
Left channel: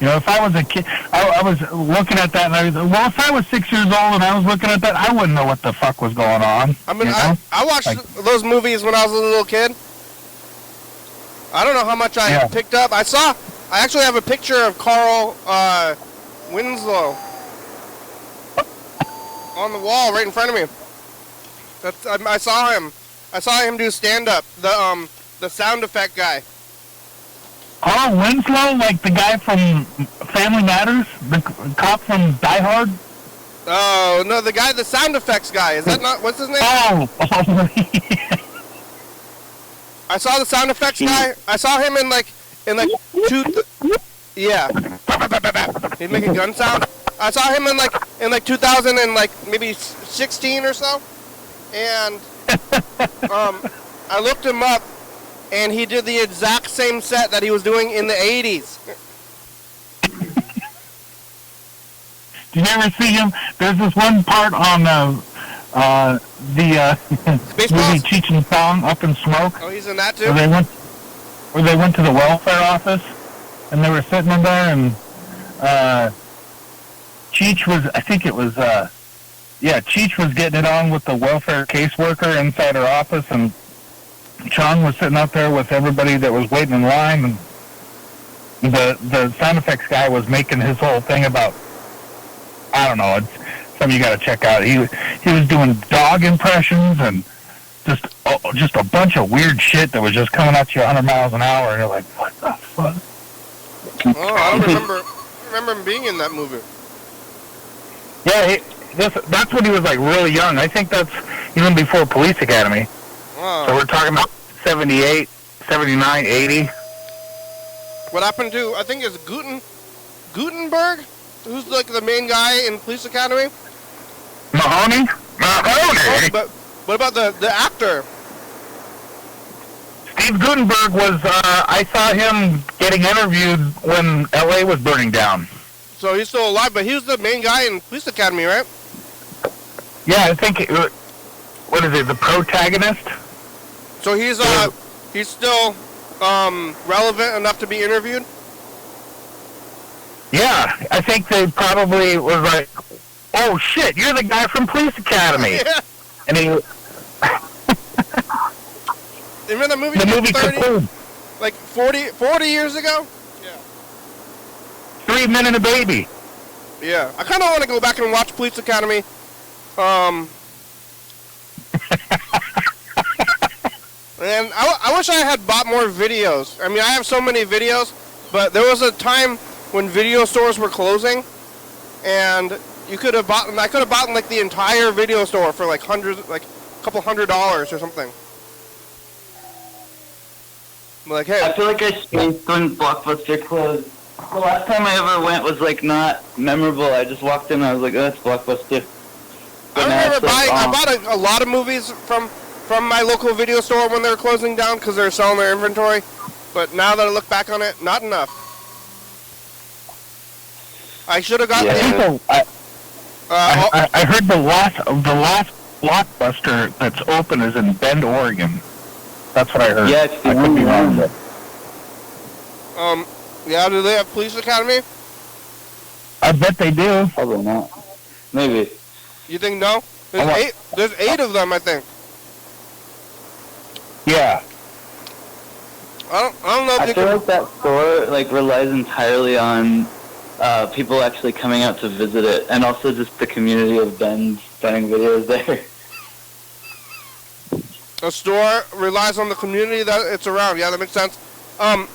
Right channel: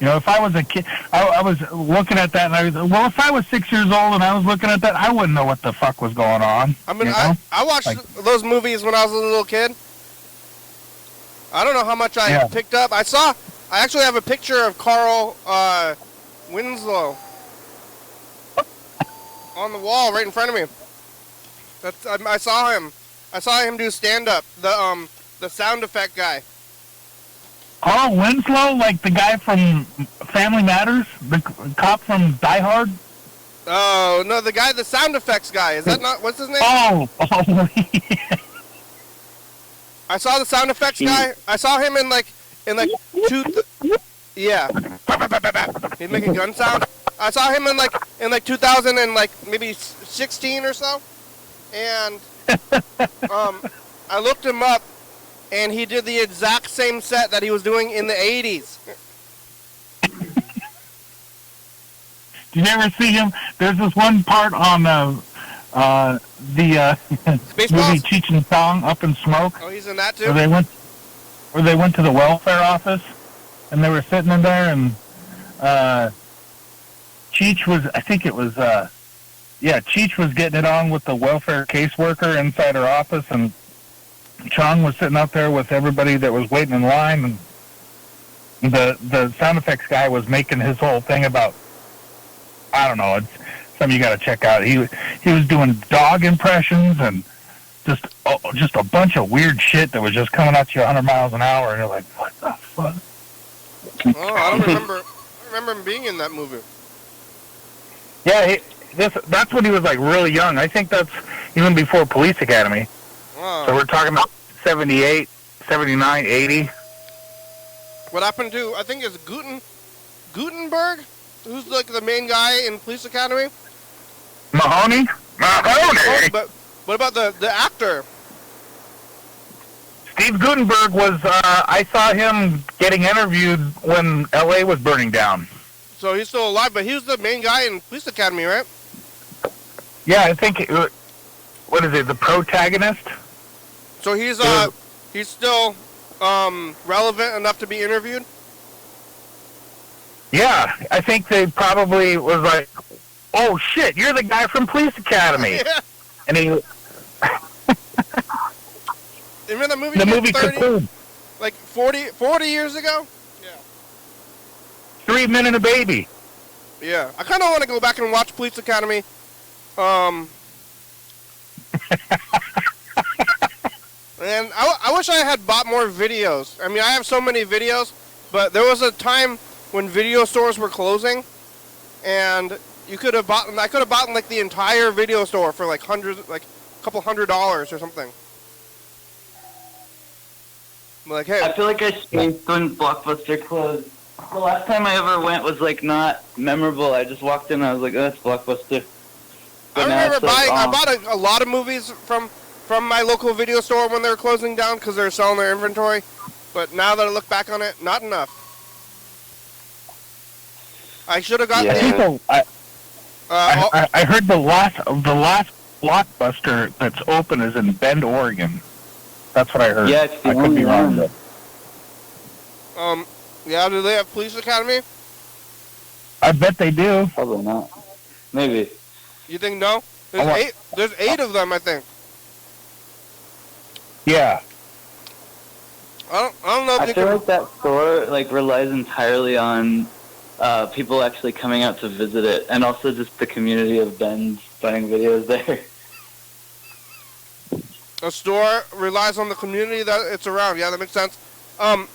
You know, if I was a kid, I was looking at that, and I was, well, if I was 6 years old and I was looking at that, I wouldn't know what the fuck was going on. I mean, you know? I watched those movies when I was a little kid. I don't know how much I picked up. I actually have a picture of Carl Winslow on the wall right in front of me. I saw him. I saw him do stand-up. The sound effect guy. Carl Winslow, like the guy from Family Matters, the cop from Die Hard. Oh no, the sound effects guy. Is that not what's his name? Oh. I saw the sound effects guy. I saw him in like yeah. He's making gun sound. I saw him in like 2000 and like maybe 16 or so, and I looked him up, and he did the exact same set that he was doing in the 80s. Did you ever see him? There's this one part on the movie Cheech and Chong, Up in Smoke. Oh, he's in that too? Where they went to the welfare office, and they were sitting in there, and Cheech was, I think it was, Cheech was getting it on with the welfare caseworker inside her office, and Chong was sitting out there with everybody that was waiting in line, and the sound effects guy was making his whole thing about, I don't know, it's something you got to check out. He was doing dog impressions and just a bunch of weird shit that was just coming at you 100 miles an hour, and you're like, what the fuck? Oh, I don't remember him being in that movie. Yeah, that's when he was like really young. I think that's even before Police Academy. Wow. So we're talking about 78, 79, 80. What happened to, I think it's Gutenberg, who's like the main guy in Police Academy? Mahoney? But what about the actor? Steve Gutenberg was, I saw him getting interviewed when L.A. was burning down. So he's still alive, but he was the main guy in Police Academy, right? Yeah, I think, what is it, the protagonist? So he's still relevant enough to be interviewed? Yeah, I think they probably was like, oh shit, you're the guy from Police Academy. Yeah. And he... Remember the movie? The movie Cocoon. Like 40 years ago? Yeah. 3 Men and a Baby. Yeah. I kind of want to go back and watch Police Academy. And I wish I had bought more videos. I mean, I have so many videos, but there was a time when video stores were closing, and I could have bought like the entire video store for like a couple $100 or something. Like, hey, I feel like I spaced when Blockbuster closed. The last time I ever went was like not memorable. I just walked in and I was like, oh, that's Blockbuster. I remember I bought a lot of movies from my local video store when they were closing down because they were selling their inventory. But now that I look back on it, not enough. I should have gotten I heard the last Blockbuster that's open is in Bend, Oregon. That's what I heard. Yeah, I could be wrong. Yeah, do they have Police Academy? I bet they do. Probably not. Maybe. You think no? There's eight of them, I think. Yeah. I don't know if I you feel can... like that store like relies entirely on people actually coming out to visit it, and also just the community of Ben saying videos there. A store relies on the community that it's around. Yeah, that makes sense. Well,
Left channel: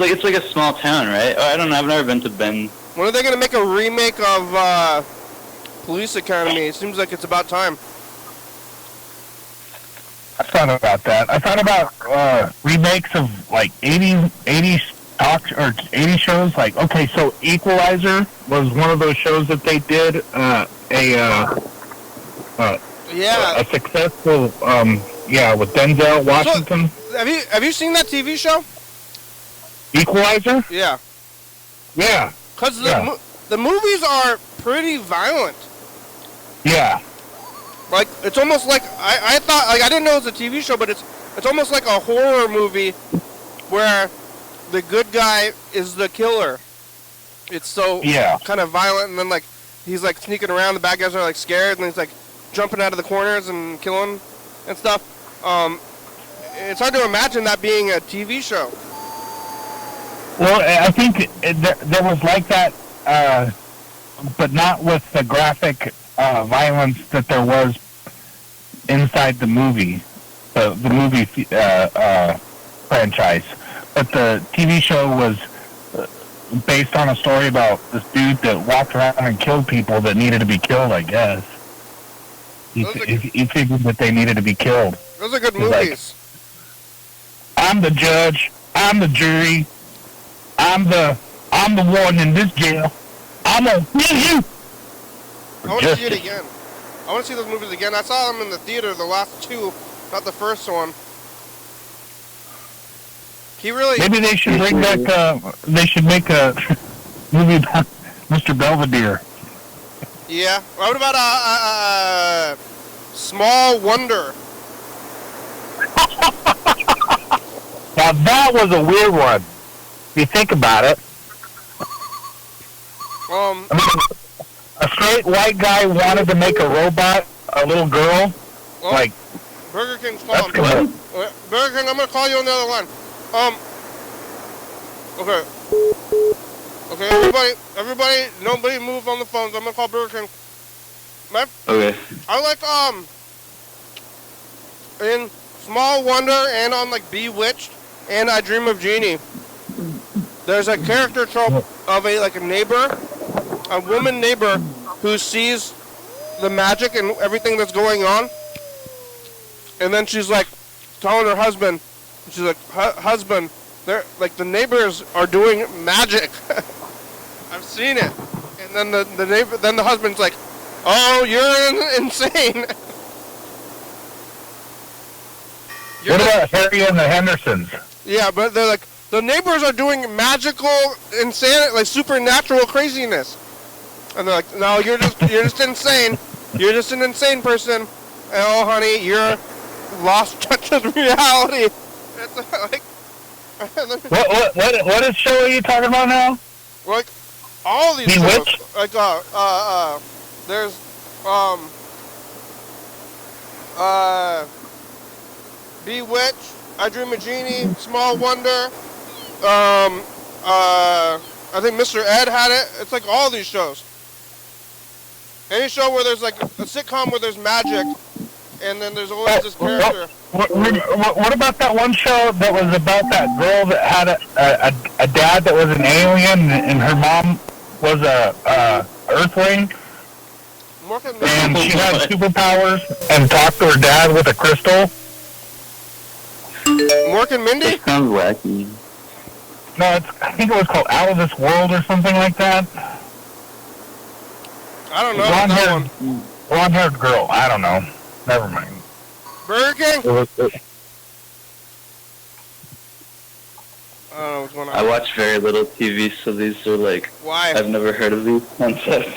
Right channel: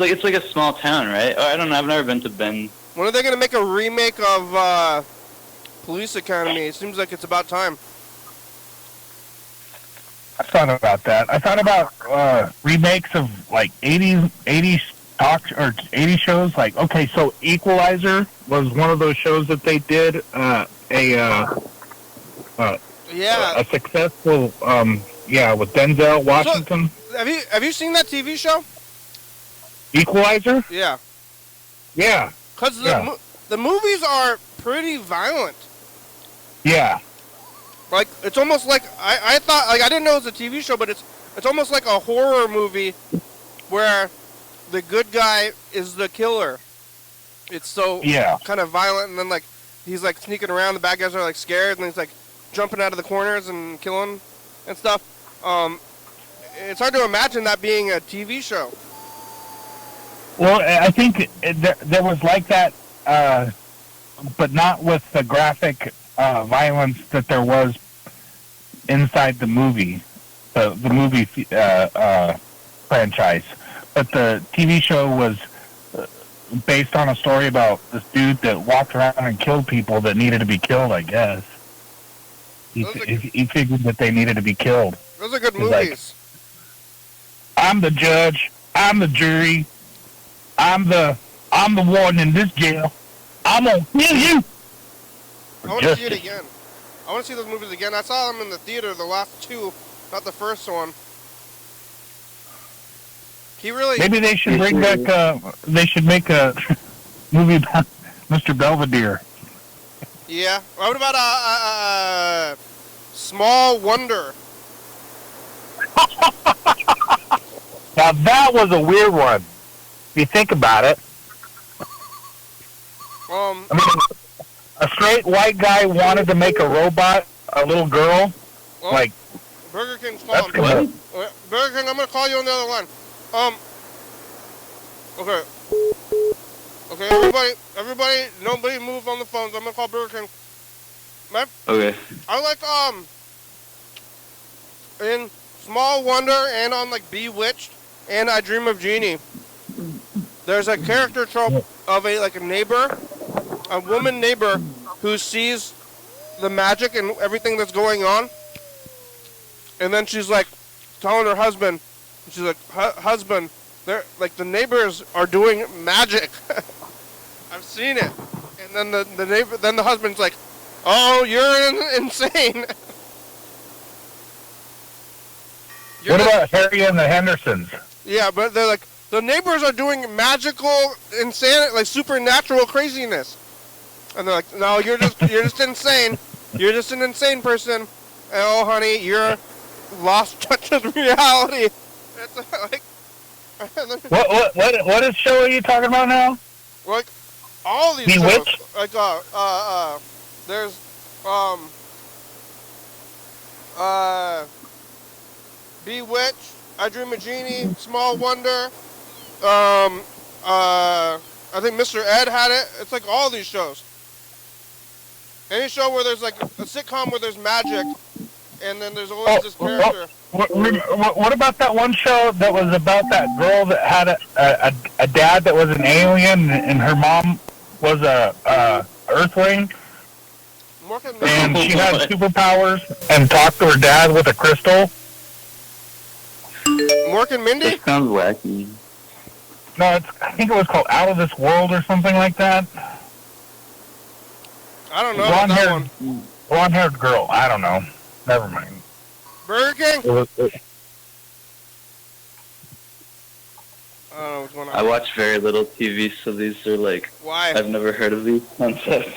it's like a small town, right? I don't know. I've never been to Ben. When are they going to make a remake of Police Academy? It seems like it's about time. I thought about that. I thought about remakes of like 80 talk or 80 shows. Like, okay, so Equalizer was one of those shows that they did a successful with Denzel Washington. So, have you seen that TV show? Equalizer? Yeah. Yeah. Because the movies are pretty violent. Yeah. Like, it's almost like, I thought, like, I didn't know it was a TV show, but it's almost like a horror movie where the good guy is the killer. It's so kind of violent, and then, like, he's, like, sneaking around, the bad guys are, like, scared, and he's, like, jumping out of the corners and killing and stuff. It's hard to imagine that being a TV show. Well, I think there was like that, but not with the graphic violence that there was inside the movie, the movie franchise. But the TV show was based on a story about this dude that walked around and killed people that needed to be killed, I guess. He figured that they needed to be killed. Those are good movies. Like, I'm the judge. I'm the jury. I'm the one in this jail. I'm gonna kill you. I want to see it again. I want to see those movies again. I saw them in the theater, the last two, not the first one. He really... Maybe they should bring back, they should make a movie about Mr. Belvedere. Yeah. What about Small Wonder? Now that was a weird one. If you think about it. I mean, a straight white guy wanted to make a robot, a little girl, like... Burger King's calling. Burger King, I'm going to call you on the other line. Okay, everybody, nobody move on the phones. I'm going to call Burger King. Okay. I like, in Small Wonder and on, like, Bewitched and I Dream of Jeannie, there's a character trope of a neighbor, a woman neighbor who sees the magic and everything that's going on, and then she's like telling her husband, she's like, husband, they're like the neighbors are doing magic. I've seen it. And then the husband's like, oh, you're insane. What about Harry and the Hendersons? Yeah, but they're like, the neighbors are doing magical, insanity, like supernatural craziness. And they're like, no, you're just insane. You're just an insane person. And oh, honey, you're lost touch with reality. That's like... What show are you talking about now? Like, all of these shows. Like, there's, Bewitched, I Dream of Jeannie, Small Wonder, I think Mr. Ed had it. It's like all these shows. Any show where there's like a sitcom where there's magic, and then there's always this character. What about that one show that was about that girl that had a dad that was an alien and her mom was a Earthling? And she had superpowers and talked to her dad with a crystal? Mork and Mindy? That sounds wacky. No, I think it was called Out of This World or something like that. I don't know. Blonde-haired girl. I don't know. Never mind. Burger King? I don't know what's going on. I watch very little TV, so these are like... Why? I've never heard of these concepts.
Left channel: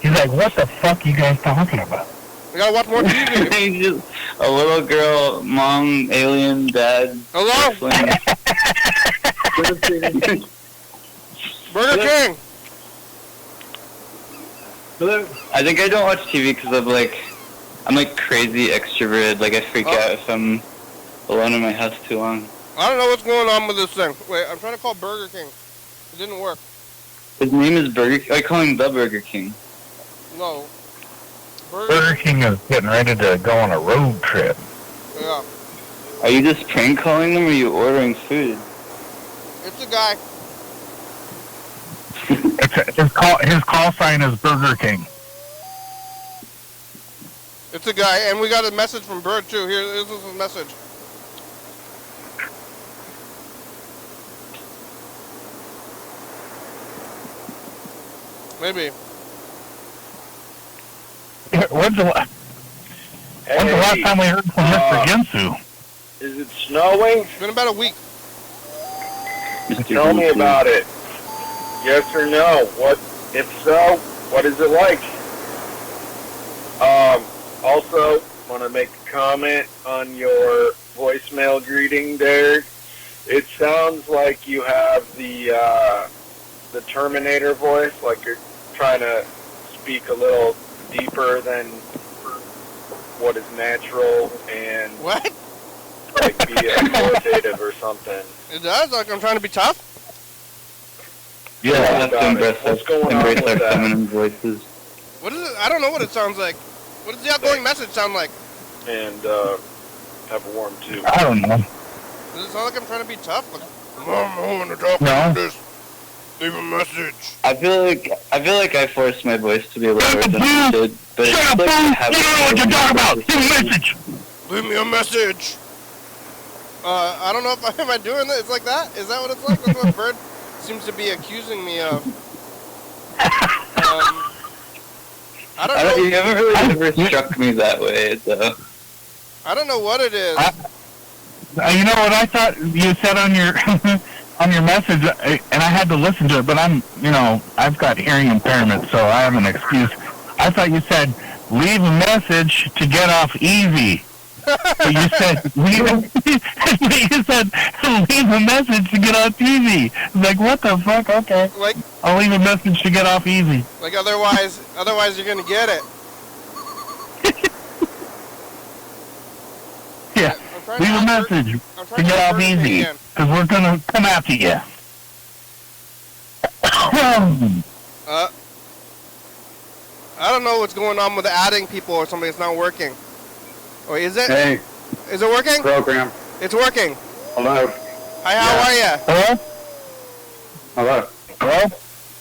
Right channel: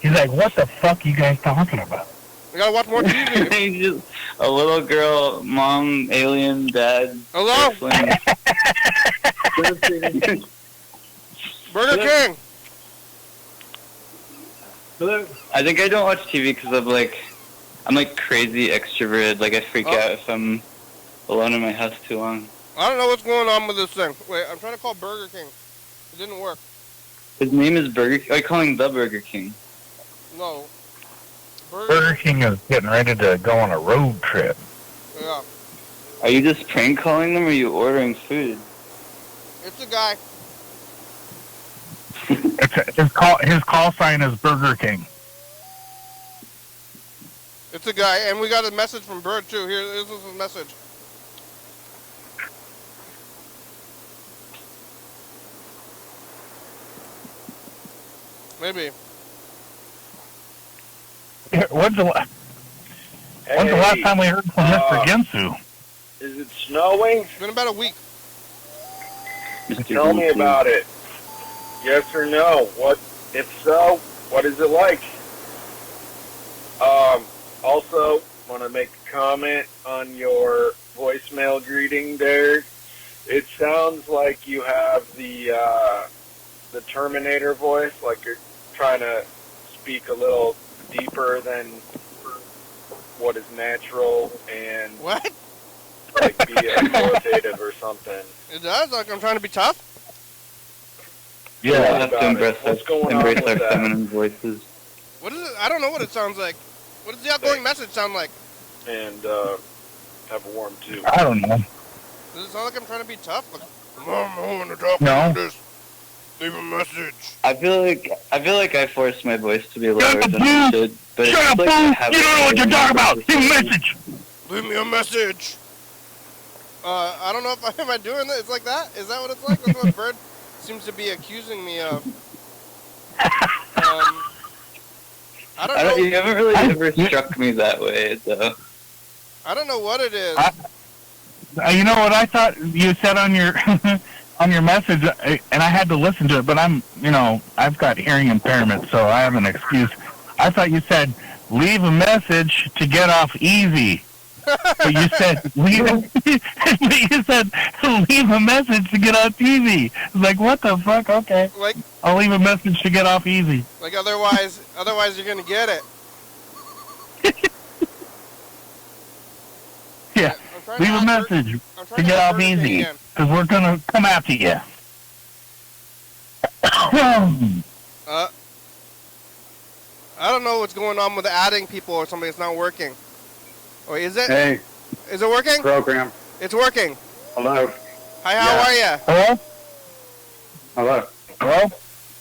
He's like, what the fuck are you guys talking about? You gotta watch more TV. Just a little girl, mom, alien, dad. Hello? Burger King. I think I don't watch TV because of like I'm like crazy extroverted. Like I freak out if I'm alone in my house too long. I don't know what's going on with this thing. Wait, I'm trying to call Burger King. It didn't work. His name is Burger King. I call him the Burger King. No. Burger King is getting ready to go on a road trip. Yeah. Are you just prank calling them or are you ordering food? It's a guy. His call sign is Burger King. It's a guy, and we got a message from Bird too. Here, this is his message. Maybe. When's the last time we heard from Mr. Ginsu? Is it snowing? It's been about a week. Tell me about it. Yes or no? What, if so, what is it like? Also, want to make a comment on your voicemail greeting there. It sounds like you have the Terminator voice, like you're trying to speak a little deeper than what is natural and What? like be authoritative or something. It does? Like I'm trying to be tough? You don't have to embrace What's going on with our that? feminine voices. What is it? I don't know what it sounds like. What does the outgoing message sound like? And have a warm too. I don't know. Does it sound like I'm trying to be tough? Like, I want to talk No. about this. Leave a message. I feel like I forced my voice to be louder Shut up, than I should. But Shut up, like fool! I You have don't know what you're talking about! Leave a message! Leave me a message. I don't know if am I doing it. It's like that? Is that what it's like? That's what Bird seems to be accusing me of. I don't know. You haven't really ever struck me that way, though. I don't know what it is. You know what I thought you said on your on your message, and I had to listen to it, but I've got hearing impairment, so I have an excuse. I thought you said, leave a message to get off easy. But you said, leave a message to get off easy. Like, what the fuck? Okay. Like, I'll leave a message to get off easy. like otherwise you're gonna get it. Yeah. I'm trying Leave a to message I'm to trying get off Burger King easy, again. because we're going to come after you. I don't know what's going on with adding people or something. It's not working. Wait, is it? Hey, Is it working? program. It's working. Hello. Hi, how are you? Hello? Hello. Hello?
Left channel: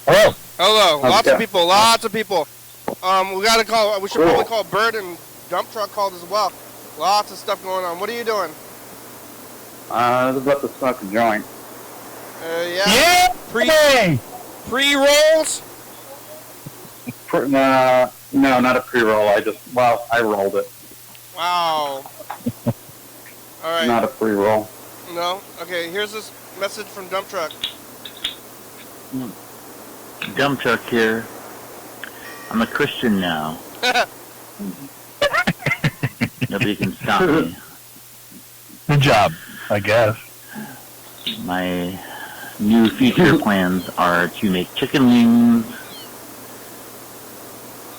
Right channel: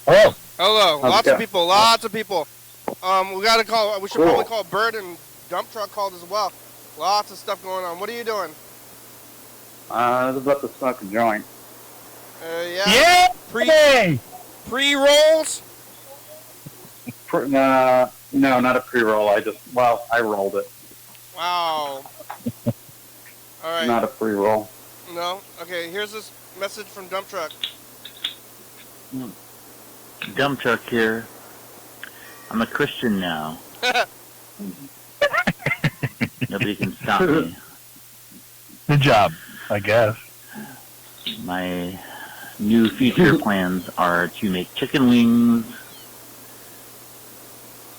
Hello? Hello. How's Lots it of going? people. Lots of people. We gotta call. We should Cool. probably call Bird and Dump Truck called as well. Lots of stuff going on. What are you doing? I was about to smoke a joint. Yeah. Yeah! Pre rolls. No, not a pre-roll. I rolled it. Wow. All right. Not a pre-roll. No. Okay. Here's this message from Dump Truck. Dump truck here. I'm a Christian now. Nobody can stop me. Good job, I guess. My new future plans are to make chicken wings,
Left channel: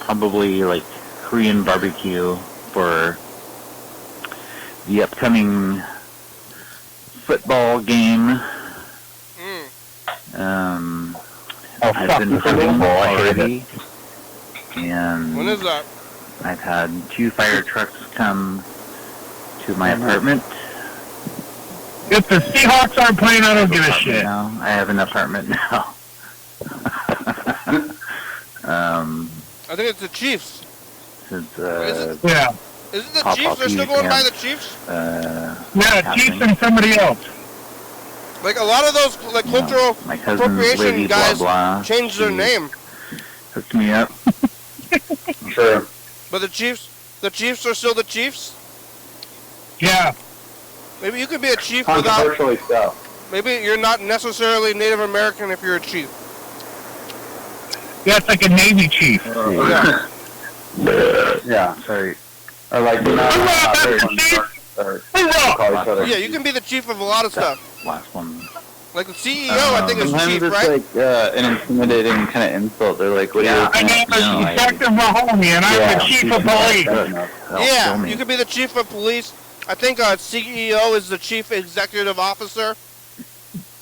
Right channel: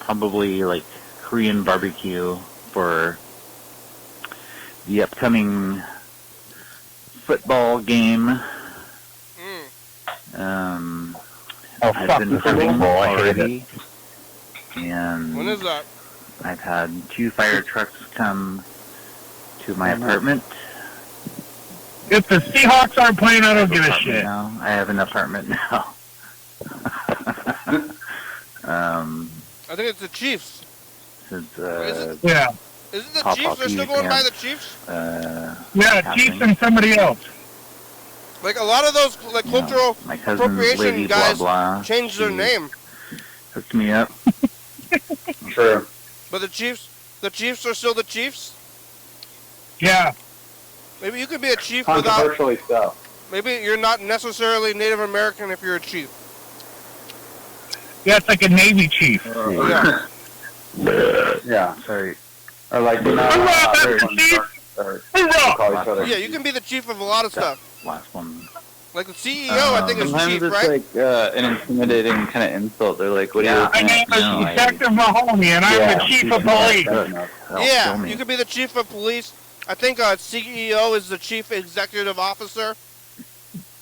probably like Korean barbecue for the upcoming football game. I've been hunting already, and When is that? I've had 2 fire trucks come to my apartment. If the Seahawks aren't playing, I don't give a shit. Now I have an apartment now. I think it's the Chiefs. Since, Yeah. Is it the Pop Chiefs? up They're still these going by camps. the Chiefs? Yeah, Chiefs and somebody else. Like a lot of those like cultural my cousin's appropriation lady, guys blah, blah, changed their she name. hooked me up. Sure. But the Chiefs are still the Chiefs? Yeah. Maybe you could be a chief without, Controversially so. maybe you're not necessarily Native American if you're a chief. Yeah, it's like a Navy chief. Yeah. Yeah. Sorry. Or like Hoorah, everyone Chief! starts Hoorah! call each other. Yeah, you can be the chief of a lot of stuff. Last one. Like the CEO, I think is sometimes chief, it's right? like an intimidating kind of insult. They're like, "What do you My think?" name is Detective Mahoney, and I'm the chief of police. Yeah, you could be the chief of police. I think CEO is the chief executive officer.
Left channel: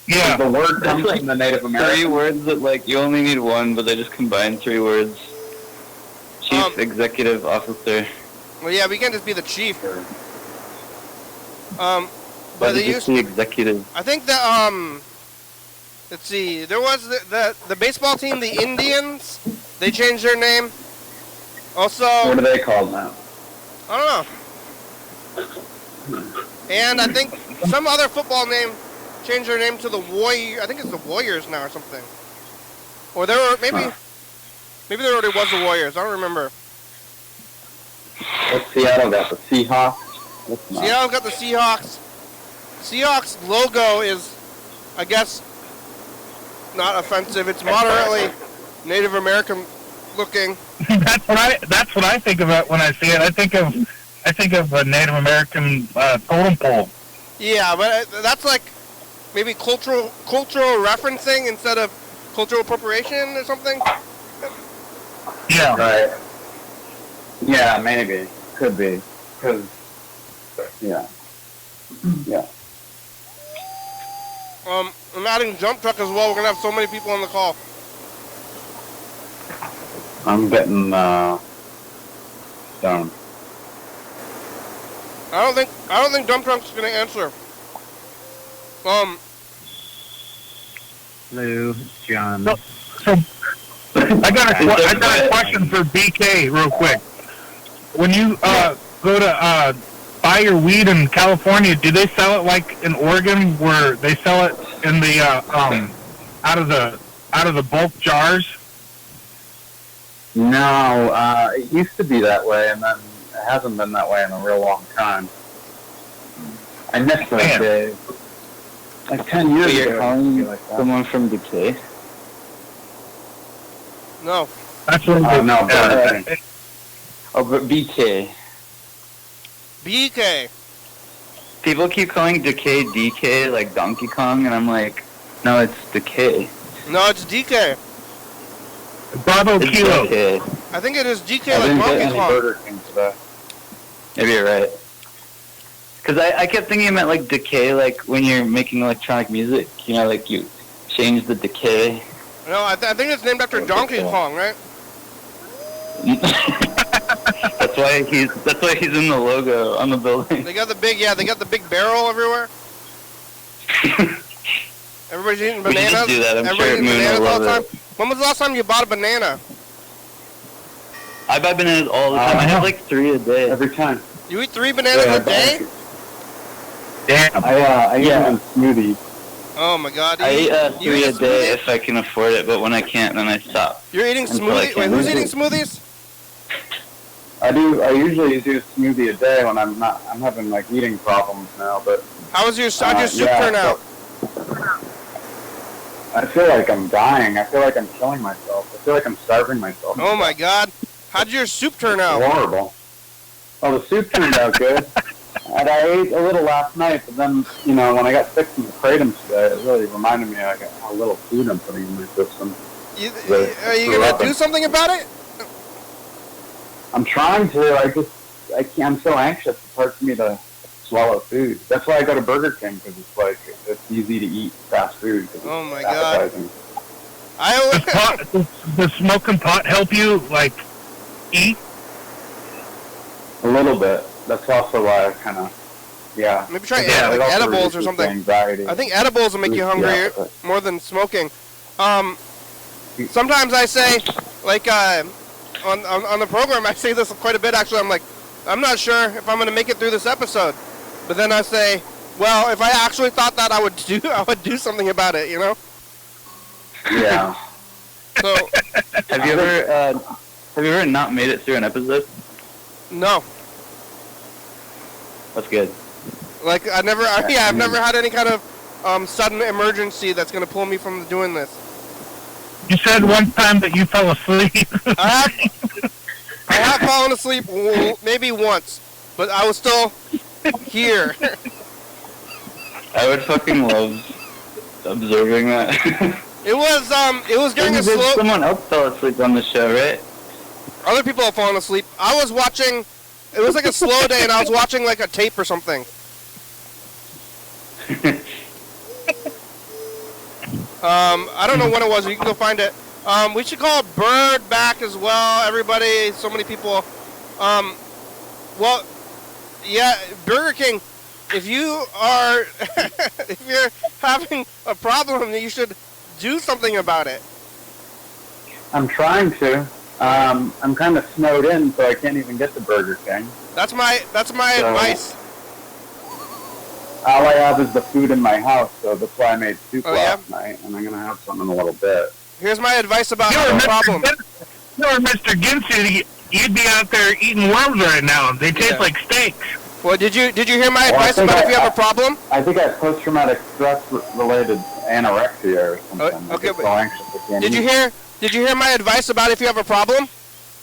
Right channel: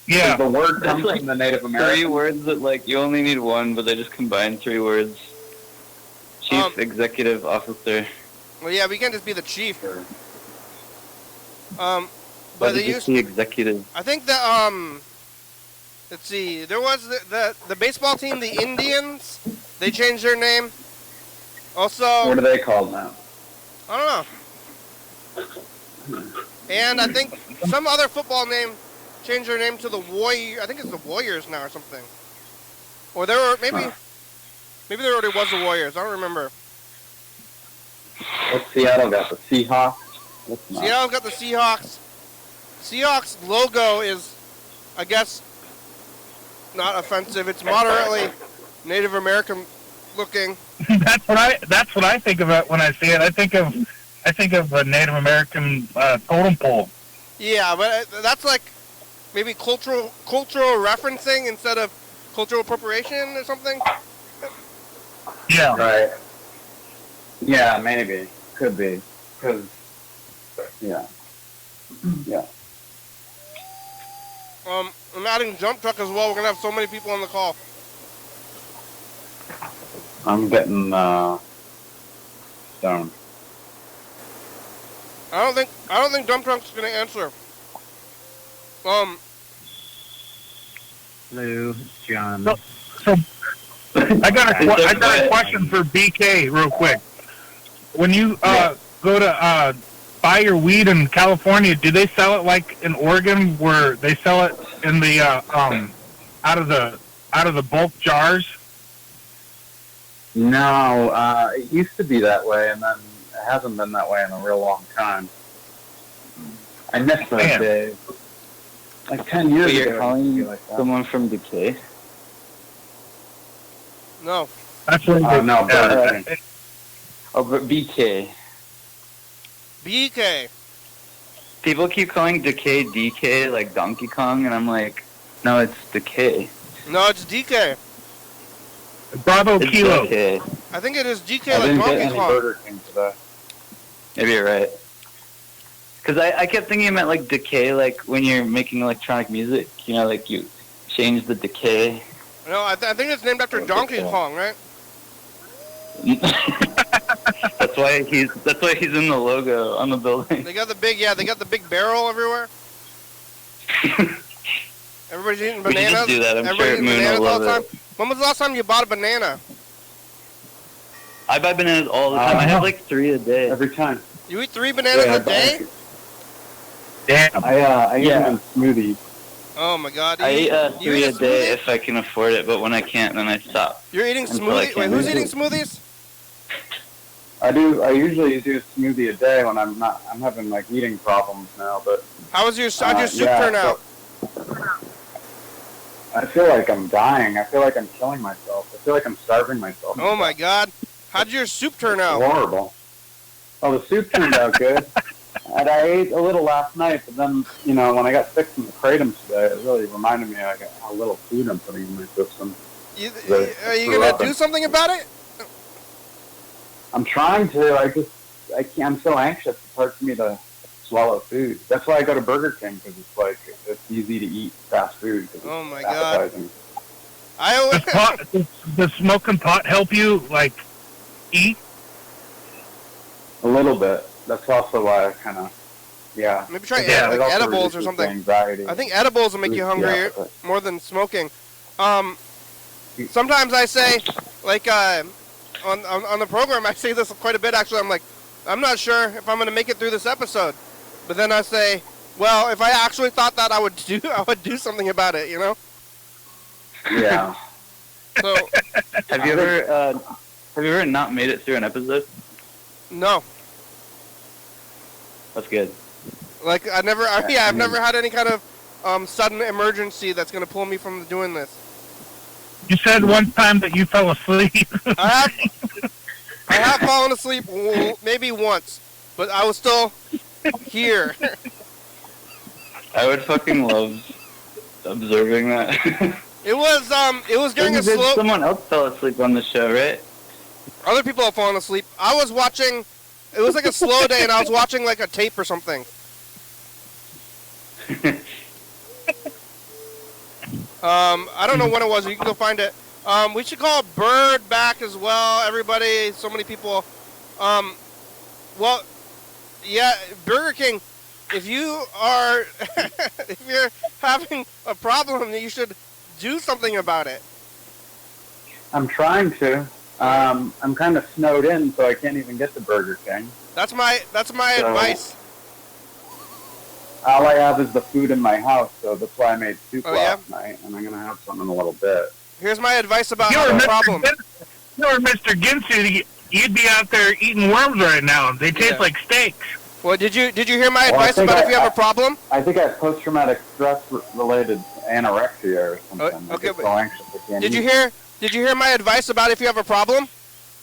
Yeah. The word comes from the Native American. 3 words that like you only need one, but they just combine 3 words. Chief executive officer. Well, yeah, we can't just be the chief. But But they just used. the executive. I think that let's see. There was the baseball team, the Indians. They changed their name. Also, What are they called now? I don't know. And I think some other football name changed their name to the Warrior. I think it's the Warriors now or something. Or there were maybe there already was the Warriors. I don't remember. What's Seattle got? The Seahawks? Seattle got the Seahawks. Seahawks logo is, I guess, not offensive. It's moderately Native American looking. That's what I think of it when I see it. I think of a Native American totem pole. Yeah, but that's like maybe cultural referencing instead of cultural appropriation or something. Yeah. Right. Yeah, maybe. Could be. Because, yeah. Yeah. I'm adding dump truck as well. We're gonna have so many people on the call. I'm getting, stoned. I don't think dump truck's gonna answer. Lou, John. So I got a question for BK real quick. When you go to buy your weed in California, do they sell it like in Oregon, where they sell it in the out of the bulk jars? No, it used to be that way, and then it hasn't been that way in a real long time. I miss those Man. days. Like 10 years You're ago. calling Like that. someone from Decay? No. That's what Oh, no, yeah. Oh, but BK. BK. People keep calling Decay DK like Donkey Kong, and I'm like, no, it's Decay. No, it's DK. Bravo It's Kilo. DK. I think it is DK I like didn't get Donkey any Kong. Burger King today. Maybe you're right. Because I kept thinking it meant like decay, like when you're making electronic music, you know, like you change the decay. No, I think it's named after Donkey Kong, right? That's why he's in the logo on the building. They got the big barrel everywhere. Everybody's eating We should bananas. do that. I'm Everybody's sure eating Moon bananas will all the love time. it. When was the last time you bought a banana? I buy bananas all the time. I have like 3 a day. Every time. You eat 3 bananas Yeah, a day? Damn. I eat them in smoothies. Oh my God! I eat you 3 eat a day smoothies? if I can afford it, but when I can't, then I stop. You're eating Until I smoothies? can. Wait, who's eating smoothies? I usually do a smoothie a day when I'm having like eating problems now, but How'd your soup turn out? I feel like I'm dying. I feel like I'm killing myself. I feel like I'm starving myself. Oh my God! How'd your soup turn It's out? horrible. Oh, the soup turned out good. And I ate a little last night, but then, you know, when I got sick from the kratom today, it really reminded me like how little food I'm putting in my system. Are you gonna do something about it? I'm trying to. I can't. I'm so anxious. It's hard for me to swallow food. That's why I go to Burger King, because it's like it's easy to eat fast food. Oh my it's God! appetizing. Does smoking pot help you like eat? A little bit. That's also why I kind of, yeah. Maybe try Yeah, it like also edibles or reduces something. Anxiety. I think edibles will make you hungry Yeah, but- more than smoking. Sometimes I say, like, on the program, I say this quite a bit. Actually, I'm like, I'm not sure if I'm gonna make it through this episode. But then I say, well, if I actually thought that, I would do something about it. You know? Yeah. So Have you ever not made it through an episode? no, That's good. like I've never had any kind of sudden emergency that's gonna pull me from doing this. You said one time that you fell asleep. I have fallen asleep maybe once, but I was still here. I would fucking love observing that. It was during a slow. Someone else fell asleep on the show, right? Other people have fallen asleep. I was watching. It was like a slow day, and I was watching like a tape or something. I don't know what it was. You can go find it. We should call Bird back as well. Everybody, so many people. Well, yeah, Burger King. If you are, if you're having a problem, you should do something about it. I'm trying to. I'm kind of snowed in, so I can't even get to Burger King. That's my advice. All I have is the food in my house, so that's why I made soup last yeah? night, and I'm gonna have some in a little bit. Here's my advice about the problem. You're Mr. Ginsey. You'd be out there eating worms right now. They taste like steaks. Well, did you hear my advice about if you have a problem? I think I have post-traumatic stress-related anorexia or something. Okay, I'm so anxious I can't did you hear my advice about if you have a problem?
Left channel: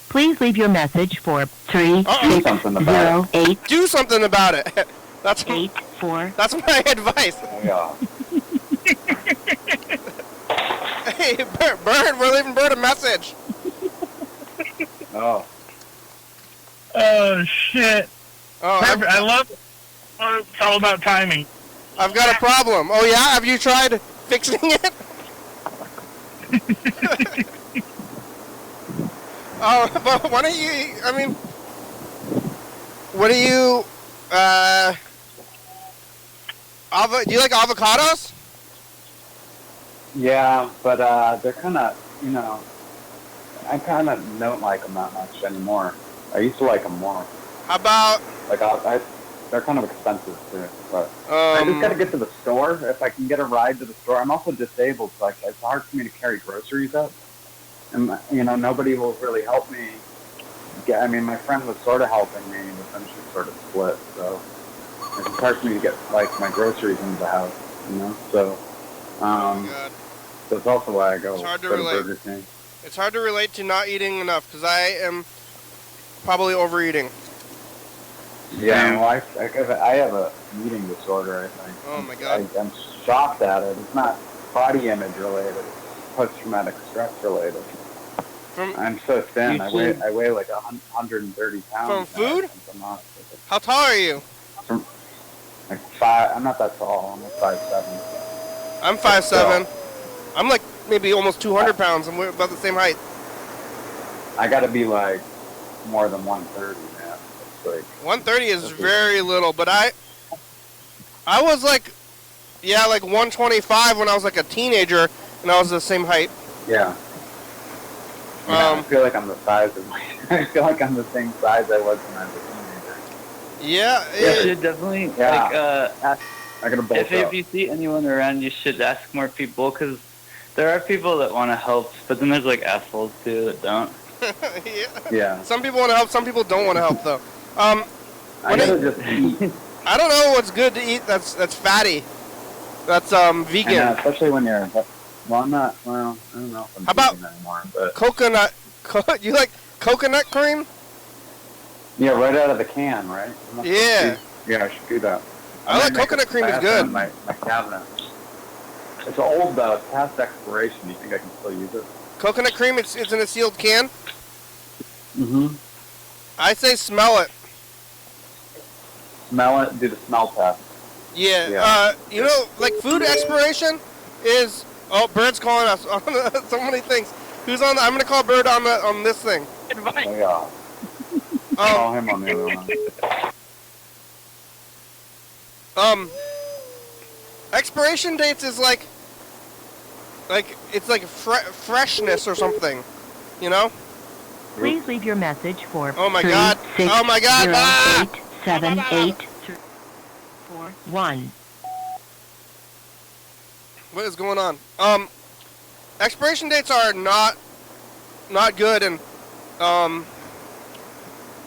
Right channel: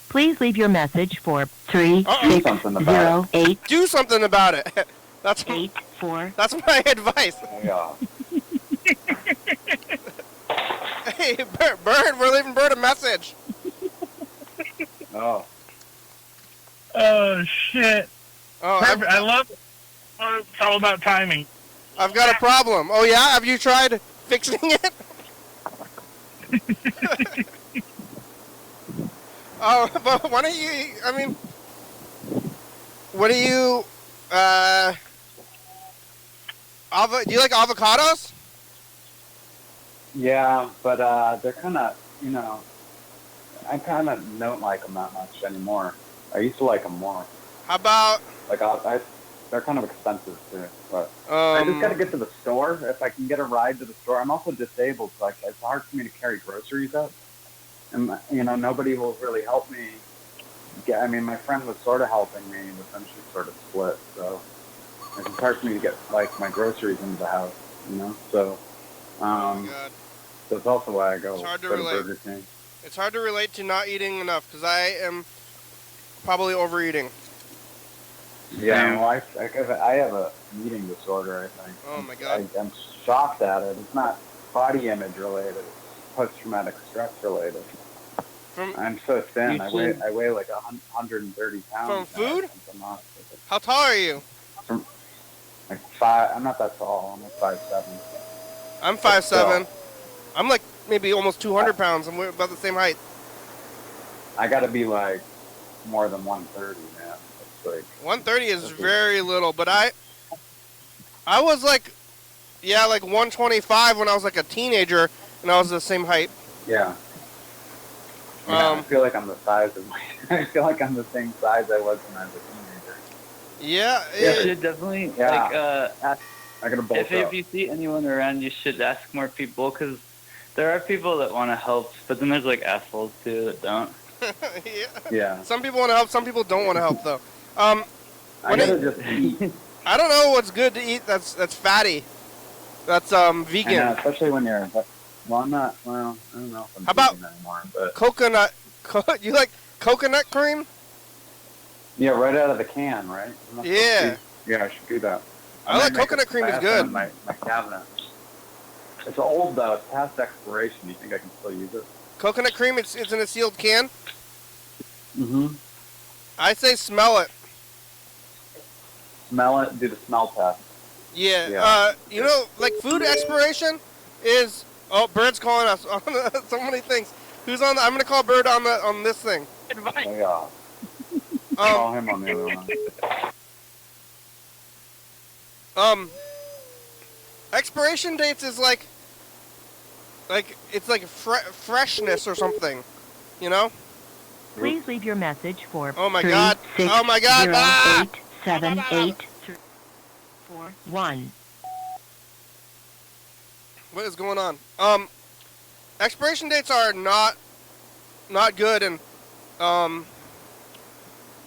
Please leave your message for 3608. Do something about it. That's 84. That's my advice. Yeah. Hey, Bird, we're leaving Bird a message. Oh. Oh, shit. Oh, I love it. Oh, it's all about timing. I've got a problem. Oh, yeah? Have you tried fixing it? But why don't you, I mean, what do you, do you like avocados? Yeah, but they're kind of, I kind of don't like them that much anymore. I used to like them more. How about... Like, they're kind of expensive, too. But I just got to get to the store. If I can get a ride to the store. I'm also disabled, so it's hard for me to carry groceries up. And, nobody will really help me. I mean, my friend was sort of helping me, but then she sort of split. So it's hard for me to get, my groceries into the house, So, that's also why I go to Burger King. It's hard to relate to not eating enough, because I am probably overeating. Yeah, well, I have a eating disorder, I think. Oh, my God. I'm shocked at it. It's not body image related. It's post-traumatic stress related. I'm so thin. I weigh like 130 pounds. From food? How tall are you? Like 5. I'm not that tall. I'm like 5'7". I'm 5'7". I'm like maybe almost 200 pounds, and we're about the same height. I got to be like more than 130, man. It's like 130 is very little, but I was like 125 when I was like a teenager, and I was the same height. Yeah. I feel like I'm the size of I feel like I'm the same size I was when I was a teenager. Yeah. You should definitely ask. I gotta bulk If you see anyone around, you should ask more people, because there are people that want to help, but then there's like assholes too that don't. Yeah. Some people want to help. Some people don't want to help though. I don't know what's good to eat. That's fatty. That's vegan. Yeah, especially when you're. Well, I'm not. Well, I don't know if I'm How about vegan anymore. But coconut? You like coconut cream? Yeah, right out of the can, right? Yeah. Yeah, I should do that. I like coconut cream is good. My cabinet. It's old though. It's past expiration. Do you think I can still use it? Coconut cream. It's in a sealed can. Mm-hmm. I say smell it. Smell it. Do the smell test. Yeah. Like food expiration is. Oh, Bird's calling us. So many things. Who's on? I'm gonna call Bird on this thing. Oh, yeah. Call him on the other one. Expiration dates is like it's like freshness or something, Please leave your message for Oh my God! 36087841. What is going on? Expiration dates are not good, and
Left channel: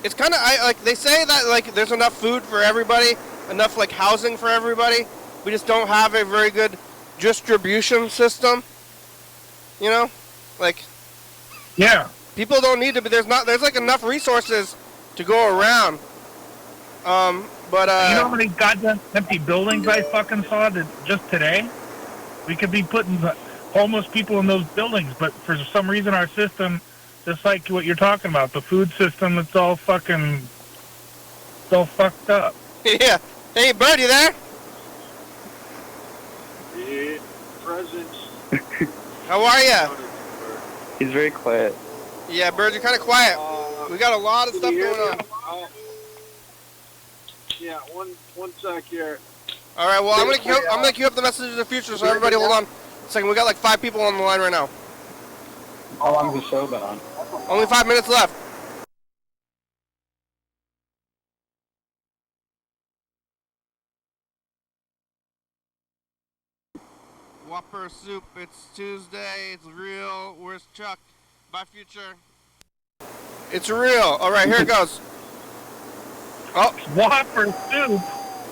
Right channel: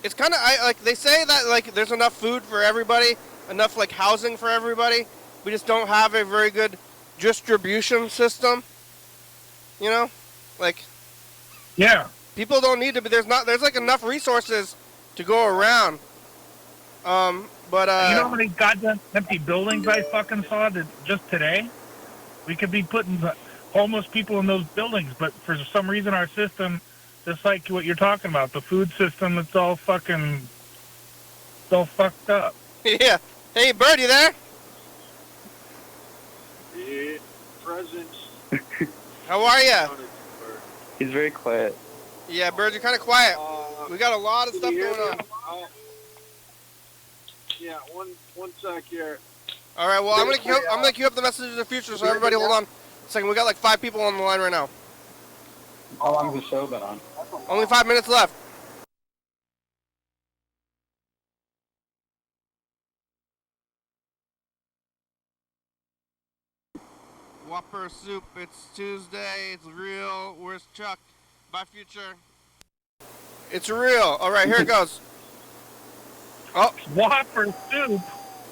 it's kind of they say that there's enough food for everybody, enough housing for everybody. We just don't have a very good distribution system. Yeah. People don't need to, but there's enough resources to go around. But you know how many goddamn empty buildings I fucking saw just today? We could be putting homeless people in those buildings, but for some reason our system, just like what you're talking about, the food system, it's all fucked up. Yeah. Hey, Bird, you there? Yeah, presents. How are ya? He's very quiet. Yeah, Bird, you're kind of quiet. We got a lot of stuff going on. Yeah, one sec here. All right, well, I'm gonna queue up the message of the future, so everybody hold on a second. We got like 5 people on the line right now. How long has the show been on? Only 5 minutes left. Whopper soup, it's Tuesday, it's real. Where's Chuck? Bye, future. It's real. All right, here it goes. Oh, Whopper soup.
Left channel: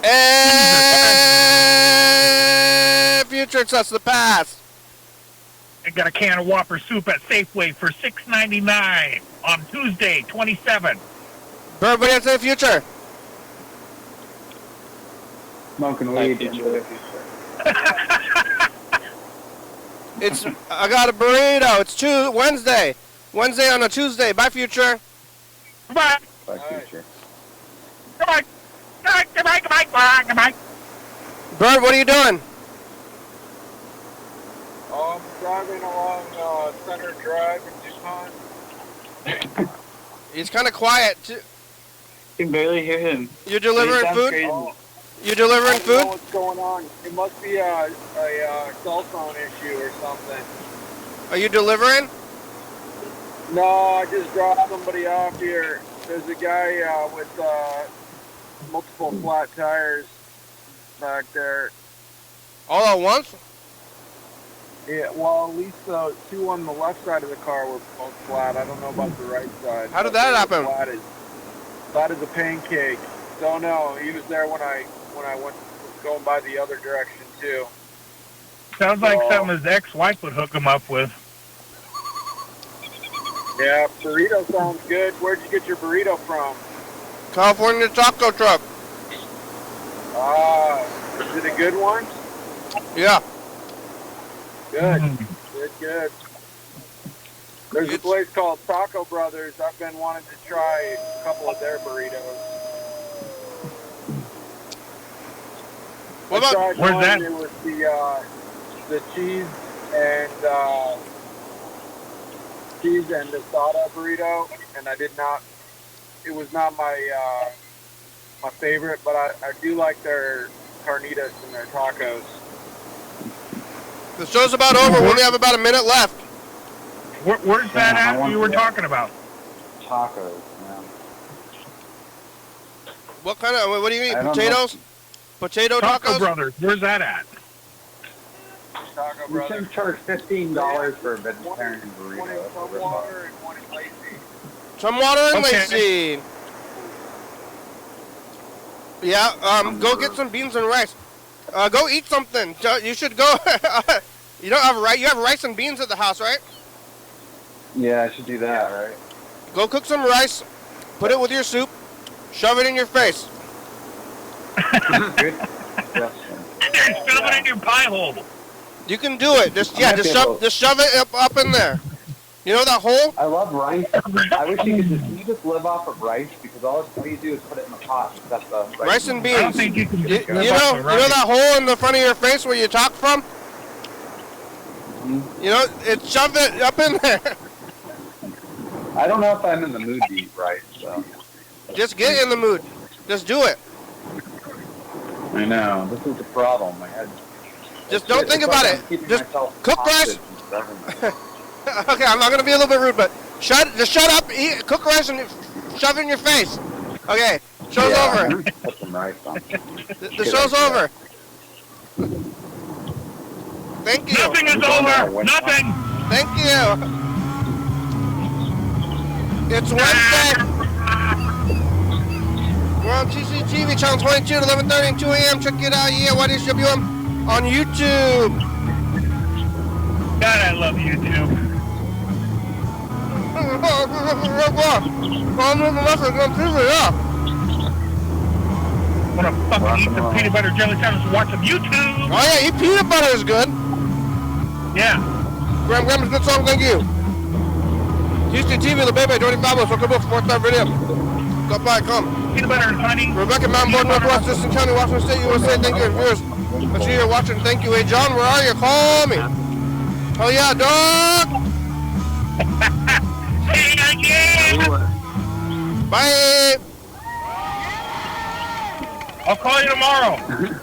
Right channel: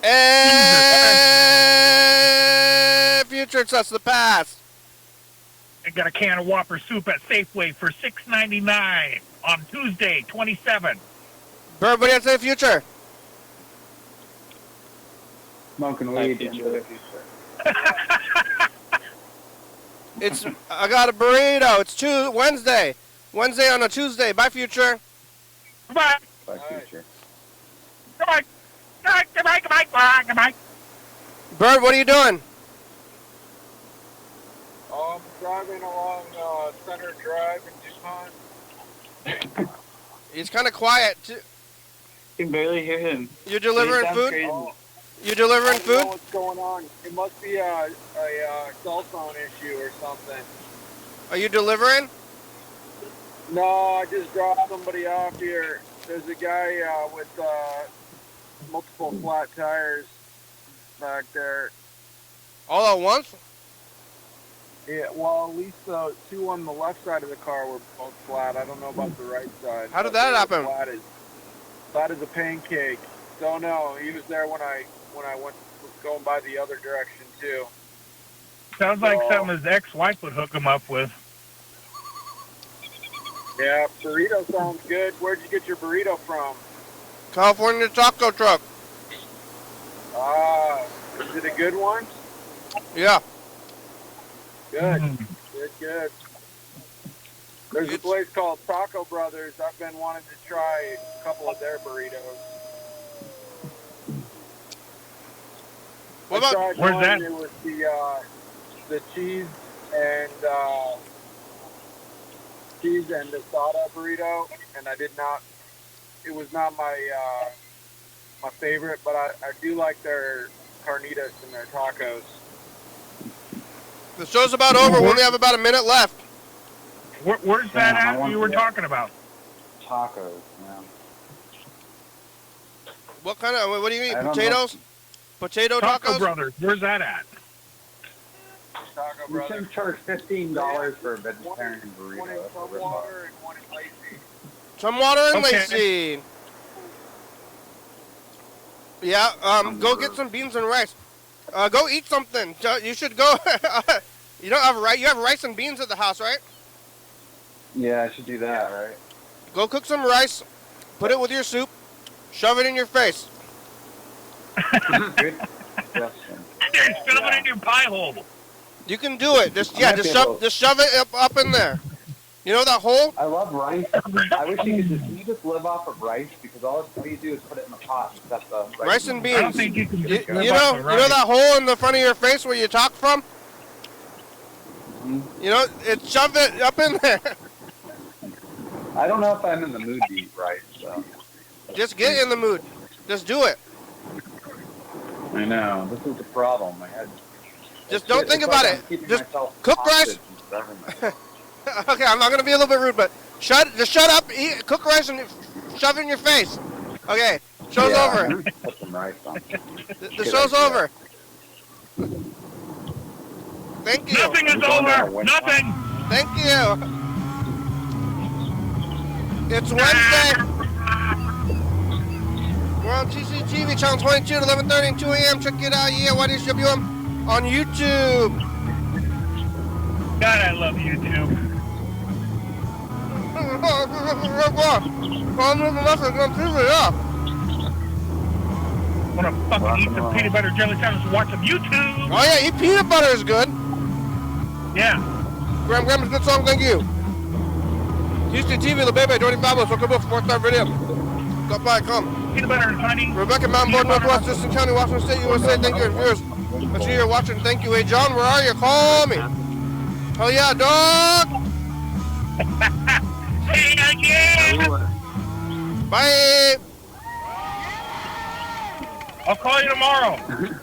And future, it's us, the past. I got a can of Whopper soup at Safeway for $6.99 on Tuesday, 27. Bird, what do you say, future? Smoking weed. I got a burrito. It's Wednesday. Wednesday on a Tuesday. Bye, future. Goodbye. Bye, future. Goodbye. Goodbye. Bird, what are you doing? I'm driving along Center Drive in Tucson. He's kind of quiet. You can barely hear him. You delivering food? Crazy. You delivering I don't know food? what's going on. It must be a cell phone issue or something. Are you delivering? No, I just dropped somebody off here. There's a guy with multiple flat tires back there. All at once? Yeah, well, at least 2 on the left side of the car were both flat. I don't know about the right side. How did that happen? Flat as a pancake. Don't know. He was there when I went going by the other direction too. Sounds like something his ex-wife would hook him up with. Yeah, burrito sounds good. Where'd you get your burrito from? California taco truck. Is it a good one? Yeah. Good. Good. There's a place called Taco Brothers. I've been wanting to try a couple of their burritos. Where's that? It was the cheese and asada burrito, and I did not. It was not my my favorite, but I do like their carnitas and their tacos. The show's about over. We only have about a minute left. Where's that at you were talking about? Tacos, yeah. What kind of? What do you eat? I don't Potatoes? Potato Taco tacos? Brothers. Where's that at? Taco We Brothers. should charge $15 for a vegetarian burrito. One in Tumwater and one in Lacey. Some water and Okay. Lacey. Yeah, go get some beans and rice. Go eat something. You should go. You don't have rice. You have rice and beans at the house, right? Yeah, I should do that, right? Go cook some rice. Put it with your soup. Shove it in your face. Good question. Shove it in your pie hole. You can do it. Just I might be able- shove it up in there. You know that hole? I love rice. I wish you just live off of rice, because all you do is put it in the pot and stuff the Rice and I don't beans. think you can You just know that hole in the front of your face where you talk from? You know, shove it up in there. I don't know if I'm in the mood to eat rice, so. Just get in the mood. Just do it. I know. This is the problem. Just don't think about it. Just cook rice. Okay, I'm not gonna be a little bit rude, but just shut up, eat, cook rice, and shove it in your face. Okay, show's over. Put some rice on. The show's over. Thank you. Nothing is over. Nothing. Thank you. It's Wednesday. We're on CCTV, channel 22 at 11:30 and 2 a.m. Check it out, yeah, YDHWM on YouTube. God, I love YouTube. Want to fucking eat some peanut butter jelly sandwich and watch some YouTube? Oh yeah, eat peanut butter is good. Yeah. Grandma's good song, thank you. Houston TV, the baby, Jordy Fabulous, welcome up, Sports Time Radio. Go by, come. Peanut butter and honey. Rebecca Mountain Board, Northwest, Thurston County, Washington State, USA, thank you, viewers. But you're watching, thank you. Hey, John, where are you? Call me. Oh, yeah, dog. Say it again. Bye. I'll call you tomorrow.